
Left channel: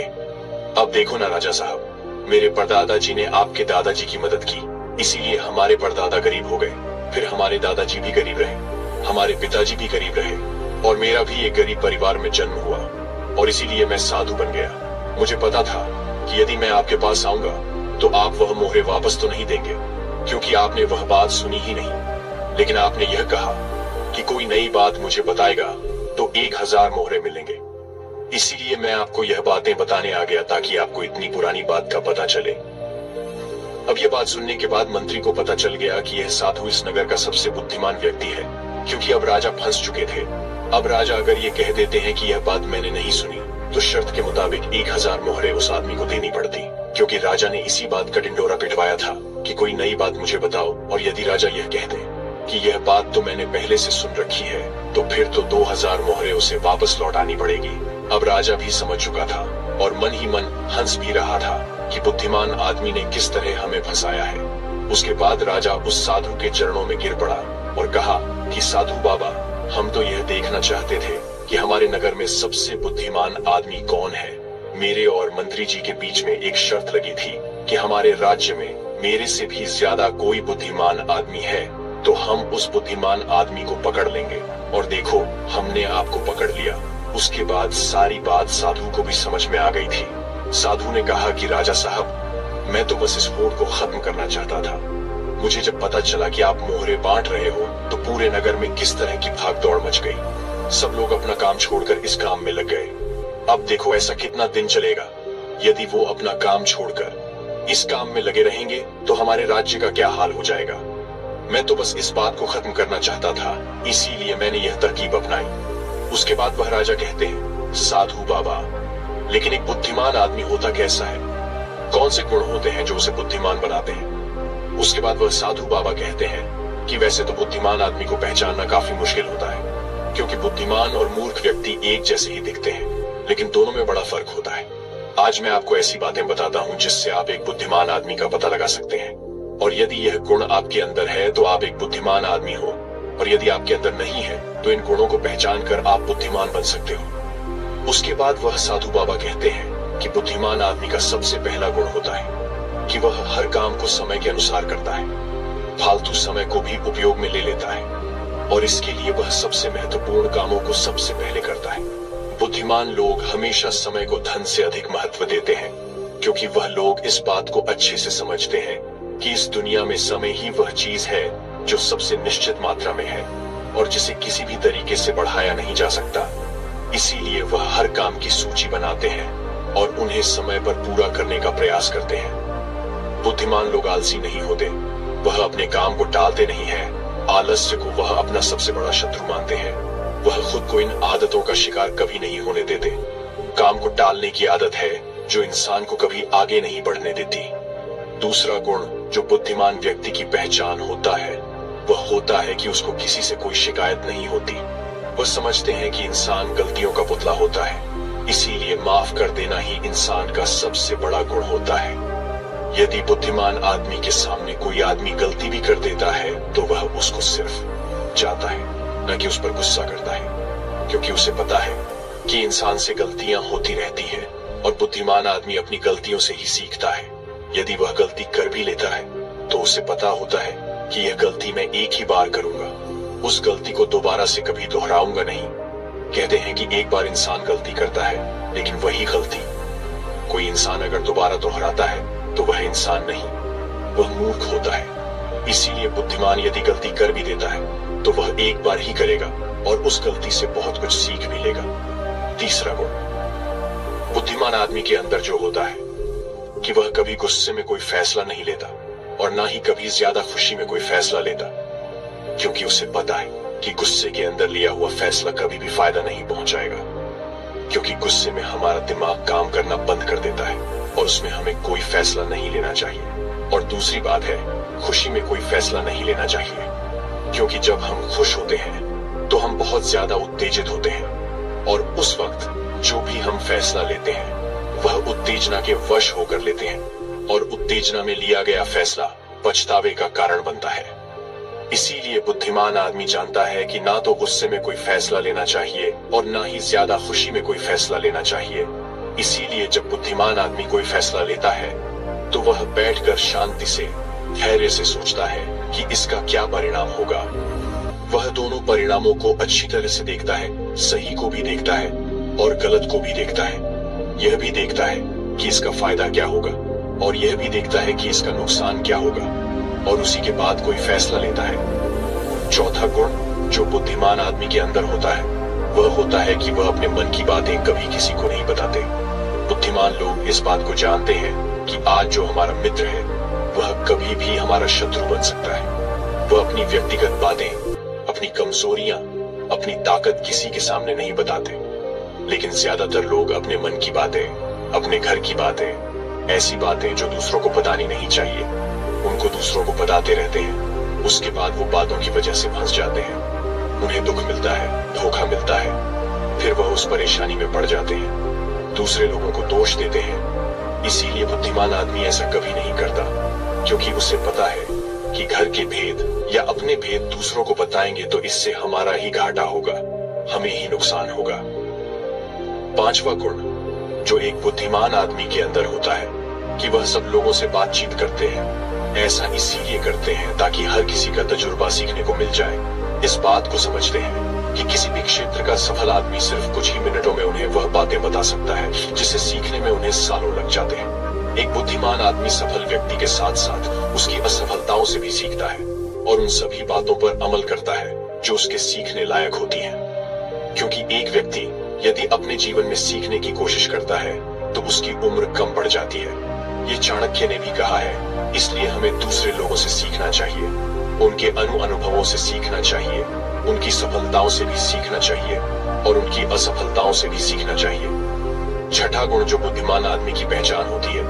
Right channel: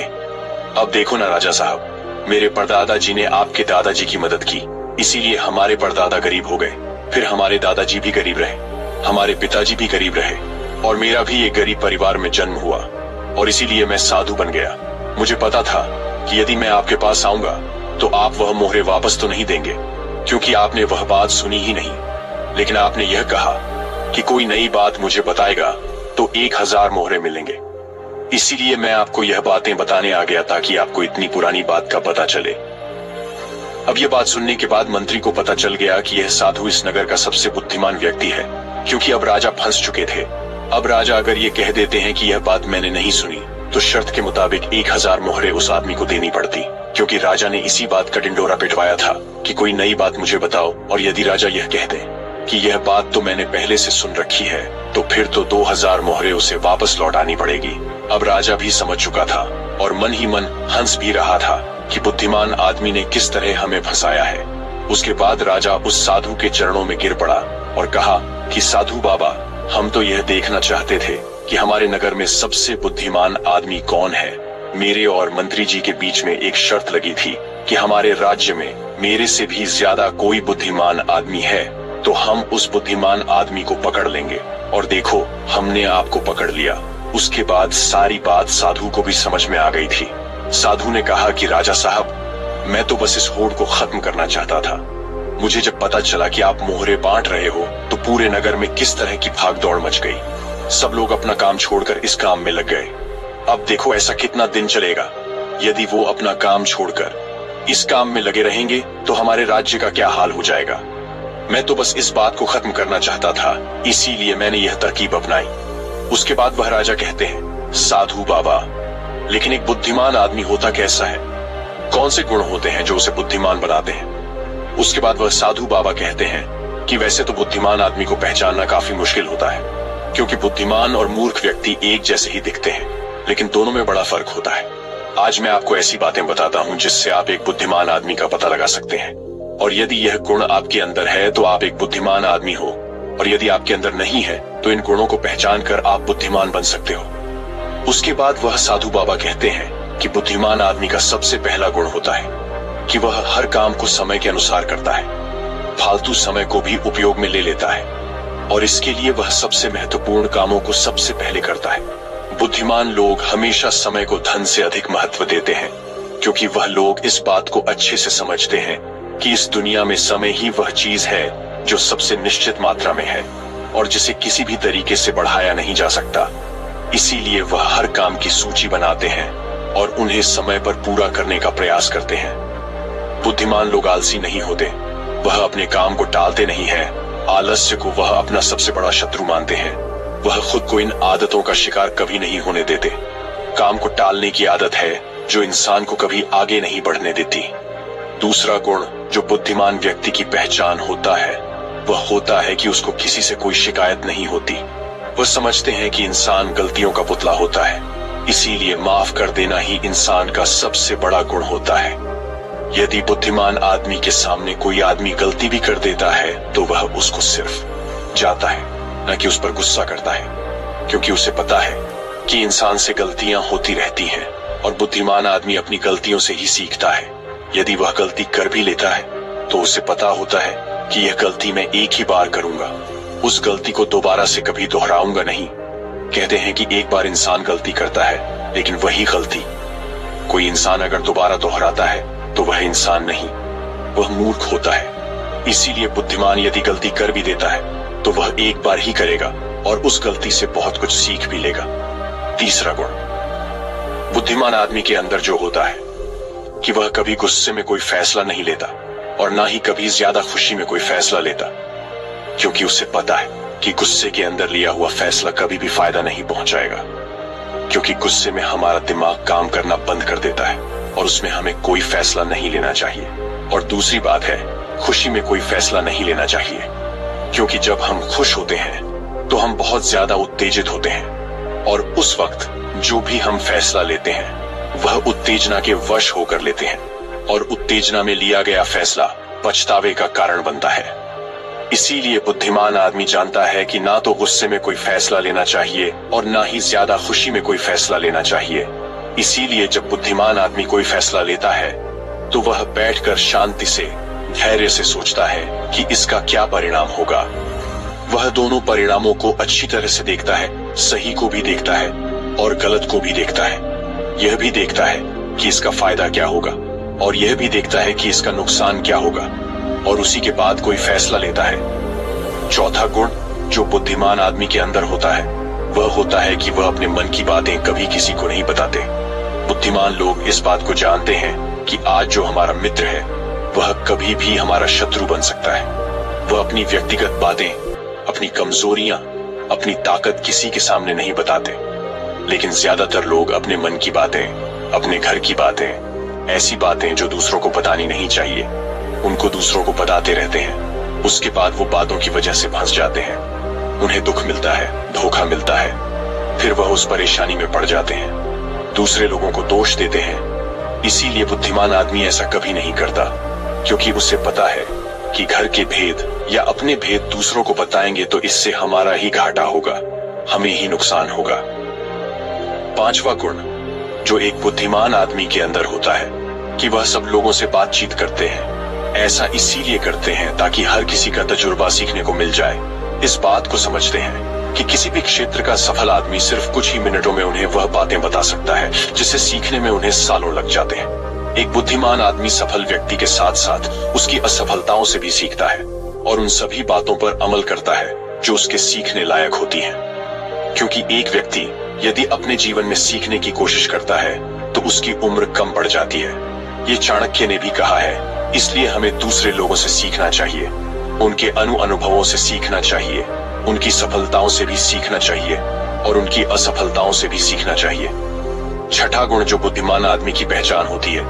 अब देखो ना राजा साहब, मेरे परदादा जी ने आपके दादाजी की मदद की, इसीलिए हमारे परदादा गरीब हो गए। फिर हमारे दादाजी भी गरीब रहे, हमारे पिताजी भी गरीब रहे, और मेरा भी एक गरीब परिवार में जन्म हुआ, और इसीलिए मैं साधु बन गया। मुझे पता था कि यदि मैं आपके पास आऊंगा तो आप वह मोहरे वापस तो नहीं देंगे, क्योंकि आपने वह बात सुनी ही नहीं। लेकिन आपने यह कहा कि कोई नई बात मुझे बताएगा तो 1000 मोहरे मिलेंगे। इसीलिए मैं आपको यह बातें बताने आ गया ताकि आपको इतनी पुरानी बात का पता चले। अब यह बात सुनने के बाद मंत्री को पता चल गया कि यह साधु इस नगर का सबसे बुद्धिमान व्यक्ति है, क्योंकि अब राजा फंस चुके थे। अब राजा अगर ये कह देते हैं कि यह बात मैंने नहीं सुनी तो शर्त के मुताबिक 1000 मोहरे उस आदमी को देनी पड़ती, क्योंकि राजा ने इसी बात का ढिंडोरा पिटवाया था कि कोई नई बात मुझे बताओ। और यदि राजा यह कह दे कि यह बात तो मैंने पहले से सुन रखी है तो फिर तो 2000 मोहरे उसे वापस लौटानी पड़ेगी। अब राजा भी समझ चुका था और मन ही मन हंस भी रहा था कि बुद्धिमान आदमी ने किस तरह हमें फंसाया है। उसके बाद राजा उस साधु के चरणों में गिर पड़ा और कहा कि साधु बाबा, हम तो यह देखना चाहते थे कि हमारे नगर में सबसे बुद्धिमान आदमी कौन है। मेरे और मंत्री जी के बीच में एक शर्त लगी थी कि हमारे राज्य में मेरे से भी ज्यादा कोई बुद्धिमान आदमी है तो हम उस बुद्धिमान आदमी को पकड़ लेंगे। और देखो, हमने आपको पकड़ लिया। उसके बाद सारी बात साधु को भी समझ में आ गई थी। साधु ने कहा कि राजा साहब, मैं तो बस इस होड़ को खत्म करना चाहता था। मुझे जब पता चला कि आप मोहरे बांट रहे हो तो पूरे नगर में किस तरह की भागदौड़ मच गई। सब लोग अपना काम छोड़कर इस काम में लग गए। अब देखो ऐसा कितना दिन चलेगा। यदि वो अपना काम छोड़कर इस काम में लगे रहेंगे तो हमारे राज्य का क्या हाल हो जाएगा। मैं तो बस इस बात को खत्म करना चाहता था, इसीलिए मैंने यह तरकीब अपनाई। उसके बाद वह राजा कहते हैं, साधु बाबा, लेकिन एक बुद्धिमान आदमी होता कैसा है? कौन से गुण होते हैं जो उसे बुद्धिमान बनाते हैं? उसके बाद वह साधु बाबा कहते हैं कि वैसे तो बुद्धिमान आदमी को पहचानना काफी मुश्किल होता है, क्योंकि बुद्धिमान और मूर्ख व्यक्ति एक जैसे ही दिखते हैं, लेकिन दोनों में बड़ा फर्क होता है। आज मैं आपको ऐसी बातें बताता हूँ जिससे आप एक बुद्धिमान आदमी का पता लगा सकते हैं। और यदि यह गुण आपके अंदर है तो आप एक बुद्धिमान आदमी हो, और यदि आपके अंदर नहीं है तो इन गुणों को पहचान कर आप बुद्धिमान बन सकते हो। उसके बाद वह साधु बाबा कहते हैं कि बुद्धिमान आदमी का सबसे पहला गुण होता है कि वह हर काम को समय के अनुसार करता है, फालतू समय को भी उपयोग में ले लेता है, और इसके लिए वह सबसे महत्वपूर्ण कामों को सबसे पहले करता है। बुद्धिमान लोग हमेशा समय को धन से अधिक महत्व देते हैं, क्योंकि वह लोग इस बात को अच्छे से समझते हैं कि इस दुनिया में समय ही वह चीज है जो सबसे निश्चित मात्रा में है और जिसे किसी भी तरीके से बढ़ाया नहीं जा सकता। इसीलिए वह हर काम की सूची बनाते हैं और उन्हें समय पर पूरा करने का प्रयास करते हैं। बुद्धिमान लोग आलसी नहीं होते, वह अपने काम को टालते नहीं है। आलस्य को वह अपना सबसे बड़ा शत्रु मानते हैं। वह खुद को इन आदतों का शिकार कभी नहीं होने देते। काम को टालने की आदत है जो इंसान को कभी आगे नहीं बढ़ने देती। दूसरा गुण जो बुद्धिमान व्यक्ति की पहचान होता है वह होता है कि उसको किसी से कोई शिकायत नहीं होती। वह समझते हैं कि इंसान गलतियों का पुतला होता है, इसीलिए माफ कर देना ही इंसान का सबसे बड़ा गुण होता है। यदि बुद्धिमान आदमी के सामने कोई आदमी गलती भी कर देता है तो वह उसको सिर्फ जाता है, न कि उस पर गुस्सा करता है, क्योंकि उसे पता है कि इंसान से गलतियां होती रहती हैं और बुद्धिमान आदमी अपनी गलतियों से ही सीखता है। यदि वह गलती कर भी लेता है तो उसे पता होता है कि यह गलती मैं एक ही बार करूंगा, उस गलती को दोबारा से कभी दोहराऊंगा नहीं। कहते हैं कि एक बार इंसान गलती करता है, लेकिन वही गलती कोई इंसान अगर दोबारा दोहराता है तो वह इंसान नहीं, वह मूर्ख होता है। इसीलिए बुद्धिमान यदि गलती कर भी देता है तो वह एक बार ही करेगा और उस गलती से बहुत कुछ सीख भी लेगा। तीसरा गुण बुद्धिमान आदमी के अंदर जो होता है कि वह कभी गुस्से में कोई फैसला नहीं लेता और ना ही कभी ज्यादा खुशी में कोई फैसला लेता, क्योंकि उसे पता है कि गुस्से के अंदर लिया हुआ फैसला कभी भी फायदा नहीं पहुंचाएगा, क्योंकि गुस्से में हमारा दिमाग काम करना बंद कर देता है और उसमें हमें कोई फैसला नहीं लेना चाहिए। और दूसरी बात है, खुशी में कोई फैसला नहीं लेना चाहिए, क्योंकि जब हम खुश होते हैं तो हम बहुत ज्यादा उत्तेजित होते हैं और उस वक्त जो भी हम फैसला लेते हैं वह उत्तेजना के वश होकर लेते हैं और उत्तेजना में लिया गया फैसला पछतावे का कारण बनता है। इसीलिए बुद्धिमान आदमी जानता है कि ना तो गुस्से में कोई फैसला लेना चाहिए और ना ही ज्यादा खुशी में कोई फैसला लेना चाहिए। इसीलिए जब बुद्धिमान आदमी कोई फैसला लेता है तो वह बैठकर शांति से, धैर्य से सोचता है कि इसका क्या परिणाम होगा। वह दोनों परिणामों को अच्छी तरह से देखता है, सही को भी देखता है और गलत को भी देखता है। यह भी देखता है कि इसका फायदा क्या होगा और यह भी देखता है कि इसका नुकसान क्या होगा, और उसी के बाद कोई फैसला लेता है। चौथा गुण जो बुद्धिमान आदमी के अंदर होता है वह होता है कि वह अपने मन की बातें कभी किसी को नहीं बताते। बुद्धिमान लोग इस बात को जानते हैं कि आज जो हमारा मित्र है वह कभी भी हमारा शत्रु बन सकता है। वह अपनी व्यक्तिगत बातें, अपनी कमजोरियां, अपनी ताकत किसी के सामने नहीं बताते, लेकिन ज्यादातर लोग अपने मन की बातें, अपने घर की बातें, ऐसी बातें जो दूसरों को बतानी नहीं चाहिए, उनको दूसरों को बताते रहते हैं। उसके बाद वो बातों की वजह से फंस जाते हैं, उन्हें दुख मिलता है, धोखा मिलता है, फिर वह उस परेशानी में पड़ जाते हैं, दूसरे लोगों को दोष देते हैं। इसीलिए बुद्धिमान आदमी ऐसा कभी नहीं करता, क्योंकि उसे पता है कि घर के भेद या अपने भेद दूसरों को बताएंगे तो इससे हमारा ही घाटा होगा, हमें ही नुकसान होगा। पांचवा गुण जो एक बुद्धिमान आदमी के अंदर होता है कि वह सब लोगों से बातचीत करते हैं। ऐसा इसीलिए करते हैं ताकि हर किसी का तजुर्बा सीखने को मिल जाए। इस बात को समझते हैं कि किसी भी क्षेत्र का सफल आदमी सिर्फ कुछ ही मिनटों में उन्हें वह बातें बता सकता है जिसे सीखने में उन्हें सालों लग जाते हैं। एक बुद्धिमान आदमी सफल व्यक्ति के साथ साथ उसकी असफलताओं से भी सीखता है और उन सभी बातों पर अमल करता है जो उसके सीखने लायक होती हैं। क्योंकि एक व्यक्ति यदि अपने जीवन में सीखने की कोशिश करता है तो उसकी उम्र कम पड़ जाती है। ये चाणक्य ने भी कहा है, इसलिए हमें दूसरे लोगों से सीखना चाहिए। उनके अनुभवों से सीखना चाहिए, उनकी सफलताओं से भी सीखना चाहिए और उनकी असफलताओं से भी सीखना चाहिए। छठा गुण जो बुद्धिमान आदमी की पहचान होती है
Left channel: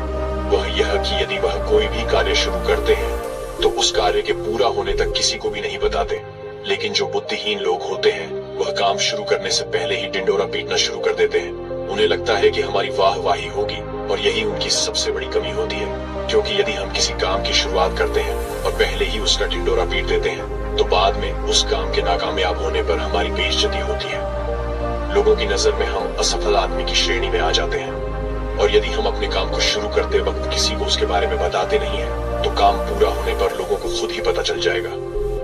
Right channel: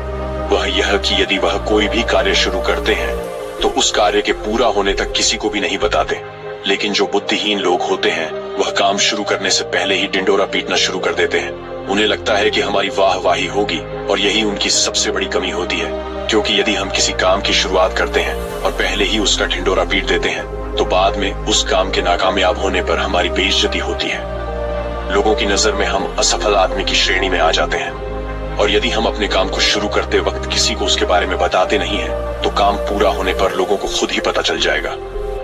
वह यह कि यदि वह कोई भी कार्य शुरू करते हैं तो उस कार्य के पूरा होने तक किसी को भी नहीं बताते। लेकिन जो बुद्धिहीन लोग होते हैं वह काम शुरू करने से पहले ही डिंडोरा पीटना शुरू कर देते हैं। उन्हें लगता है कि हमारी वाहवाही होगी और यही उनकी सबसे बड़ी कमी होती है, क्योंकि यदि हम किसी काम की शुरुआत करते हैं और पहले ही उसका ढिंडोरा पीट देते हैं तो बाद में उस काम के नाकामयाब होने पर हमारी बेइज्जती होती है। लोगों की नजर में हम असफल आदमी की श्रेणी में आ जाते हैं और यदि हम अपने काम को शुरू करते वक्त किसी को उसके बारे में बताते नहीं हैं तो काम पूरा होने पर लोगों को खुद ही पता चल जाएगा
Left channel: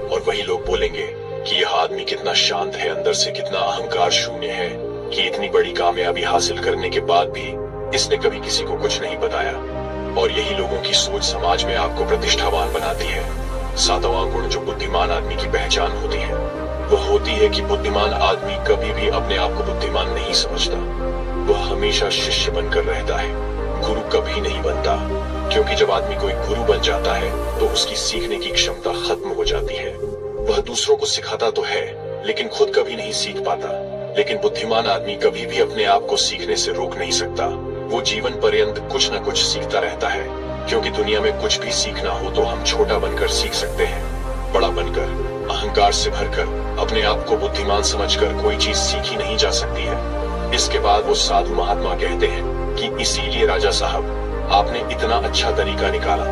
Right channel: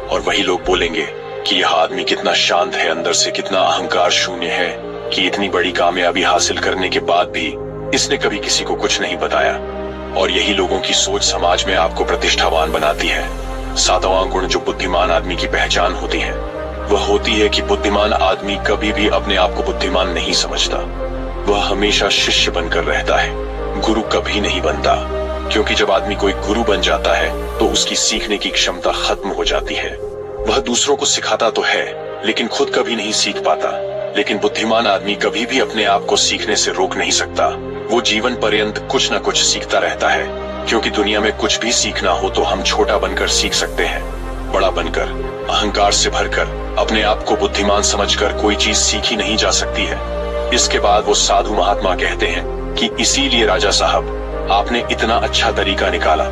और वही लोग बोलेंगे कि यह आदमी कितना शांत है, अंदर से कितना अहंकार शून्य है कि इतनी बड़ी कामयाबी हासिल करने के बाद भी इसने कभी किसी को कुछ नहीं बताया। और यही लोगों की सोच समाज में आपको प्रतिष्ठावान बनाती है। सातवां गुण जो बुद्धिमान आदमी की पहचान होती है वह होती है कि बुद्धिमान आदमी कभी भी अपने आप को बुद्धिमान नहीं समझता। वह हमेशा शिष्य बनकर रहता है, गुरु कभी नहीं बनता, क्योंकि जब आदमी कोई गुरु बन जाता है तो उसकी सीखने की क्षमता खत्म हो जाती है। वह दूसरों को सिखाता तो है लेकिन खुद कभी नहीं सीख पाता। लेकिन बुद्धिमान आदमी कभी भी अपने आप को सीखने से रोक नहीं सकता। वो जीवन पर्यंत कुछ न कुछ सीखता रहता है, क्योंकि दुनिया में कुछ भी सीखना हो तो हम छोटा बनकर सीख सकते हैं। बड़ा बनकर, अहंकार से भरकर, अपने आप को बुद्धिमान समझकर कोई चीज सीखी नहीं जा सकती है। इसके बाद वो साधु महात्मा कहते हैं कि इसीलिए राजा साहब आपने इतना अच्छा तरीका निकाला।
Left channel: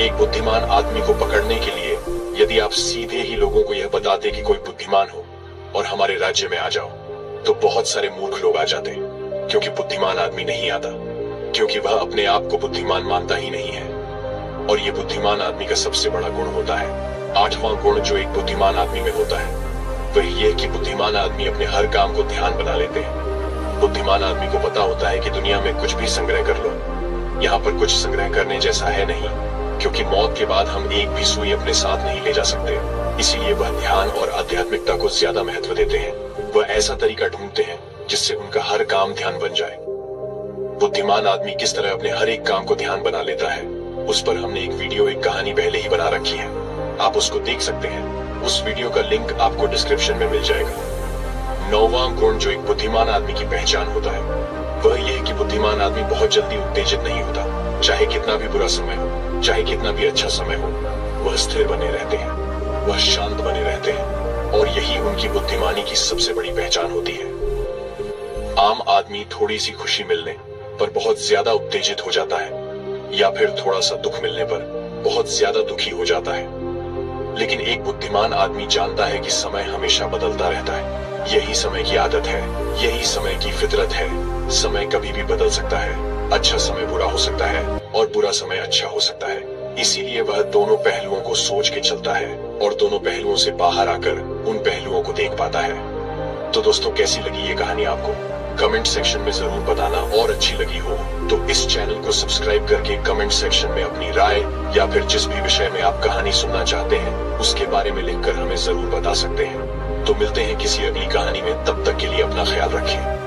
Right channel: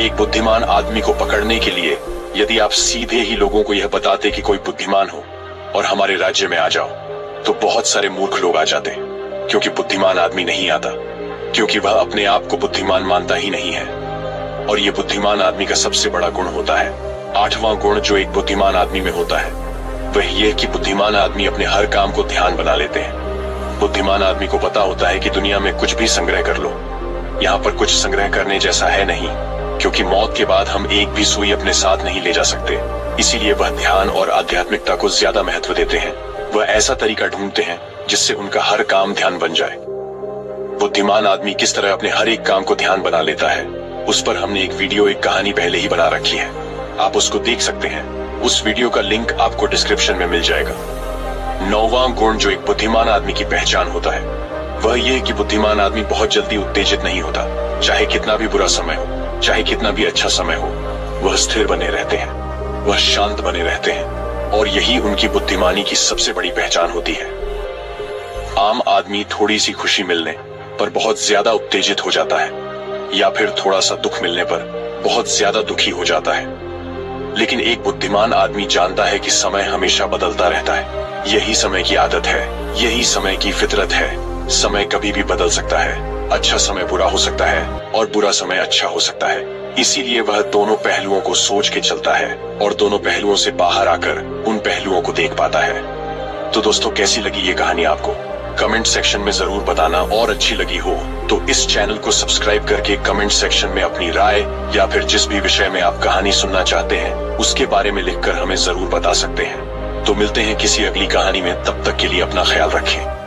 एक बुद्धिमान आदमी को पकड़ने के लिए यदि आप सीधे ही लोगों को यह बताते कि कोई बुद्धिमान हो और हमारे राज्य में आ जाओ तो बहुत सारे मूर्ख लोग आ जाते, क्योंकि बुद्धिमान आदमी नहीं आता, क्योंकि वह अपने आप को बुद्धिमान मानता ही नहीं है। और ये बुद्धिमान आदमी का सबसे बड़ा गुण होता है। आठवां गुण जो एक बुद्धिमान आदमी में होता है वह यह कि बुद्धिमान आदमी अपने हर काम को ध्यान बना लेते हैं। बुद्धिमान आदमी को पता होता है कि दुनिया में कुछ भी संग्रह कर लो, यहाँ पर कुछ संग्रह करने जैसा है नहीं, क्योंकि मौत के बाद हम एक भी सुई अपने साथ नहीं ले जा सकते। इसीलिए वह ध्यान और आध्यात्मिकता को ज्यादा महत्व देते हैं। वह ऐसा तरीका ढूंढते हैं जिससे उनका हर काम ध्यान बन जाए। बुद्धिमान आदमी किस तरह अपने हर एक काम को ध्यान बना लेता है उस पर हमने एक वीडियो, एक कहानी पहले ही बना रखी है, आप उसको देख सकते हैं। उस वीडियो का लिंक आपको डिस्क्रिप्शन में मिल जाएगा। नौवां गुण जो एक बुद्धिमान आदमी की पहचान होता है वह यह कि बुद्धिमान आदमी बहुत जल्दी उत्तेजित नहीं होता। चाहे कितना भी बुरा समय हो, चाहे कितना भी अच्छा समय हो, वह स्थिर बने रहते हैं, वह शांत बने रहते हैं और यही उनकी बुद्धिमानी की सबसे बड़ी पहचान होती है। आम आदमी थोड़ी सी खुशी मिलने पर बहुत ज्यादा उत्तेजित हो जाता है या फिर थोड़ा सा दुख मिलने पर बहुत ज्यादा दुखी हो जाता है, लेकिन एक बुद्धिमान आदमी जानता है कि समय हमेशा बदलता रहता है। यही समय की आदत है, यही समय की फितरत है। समय कभी भी बदल सकता है। अच्छा समय बुरा हो सकता है और बुरा समय अच्छा हो सकता है। इसीलिए वह दोनों पहलुओं को सोच के चलता है और दोनों पहलुओं से बाहर आकर उन पहलुओं को देख पाता है। तो दोस्तों, कैसी लगी ये कहानी आपको? कमेंट सेक्शन में जरूर बताना, और अच्छी लगी हो तो इस चैनल को सब्सक्राइब करके कमेंट सेक्शन में अपनी राय या फिर जिस भी विषय में आप कहानी सुनना चाहते हैं उसके बारे में लिखकर हमें जरूर बता सकते हैं। तो मिलते हैं किसी अगली कहानी में, तब तक के लिए अपना ख्याल रखें।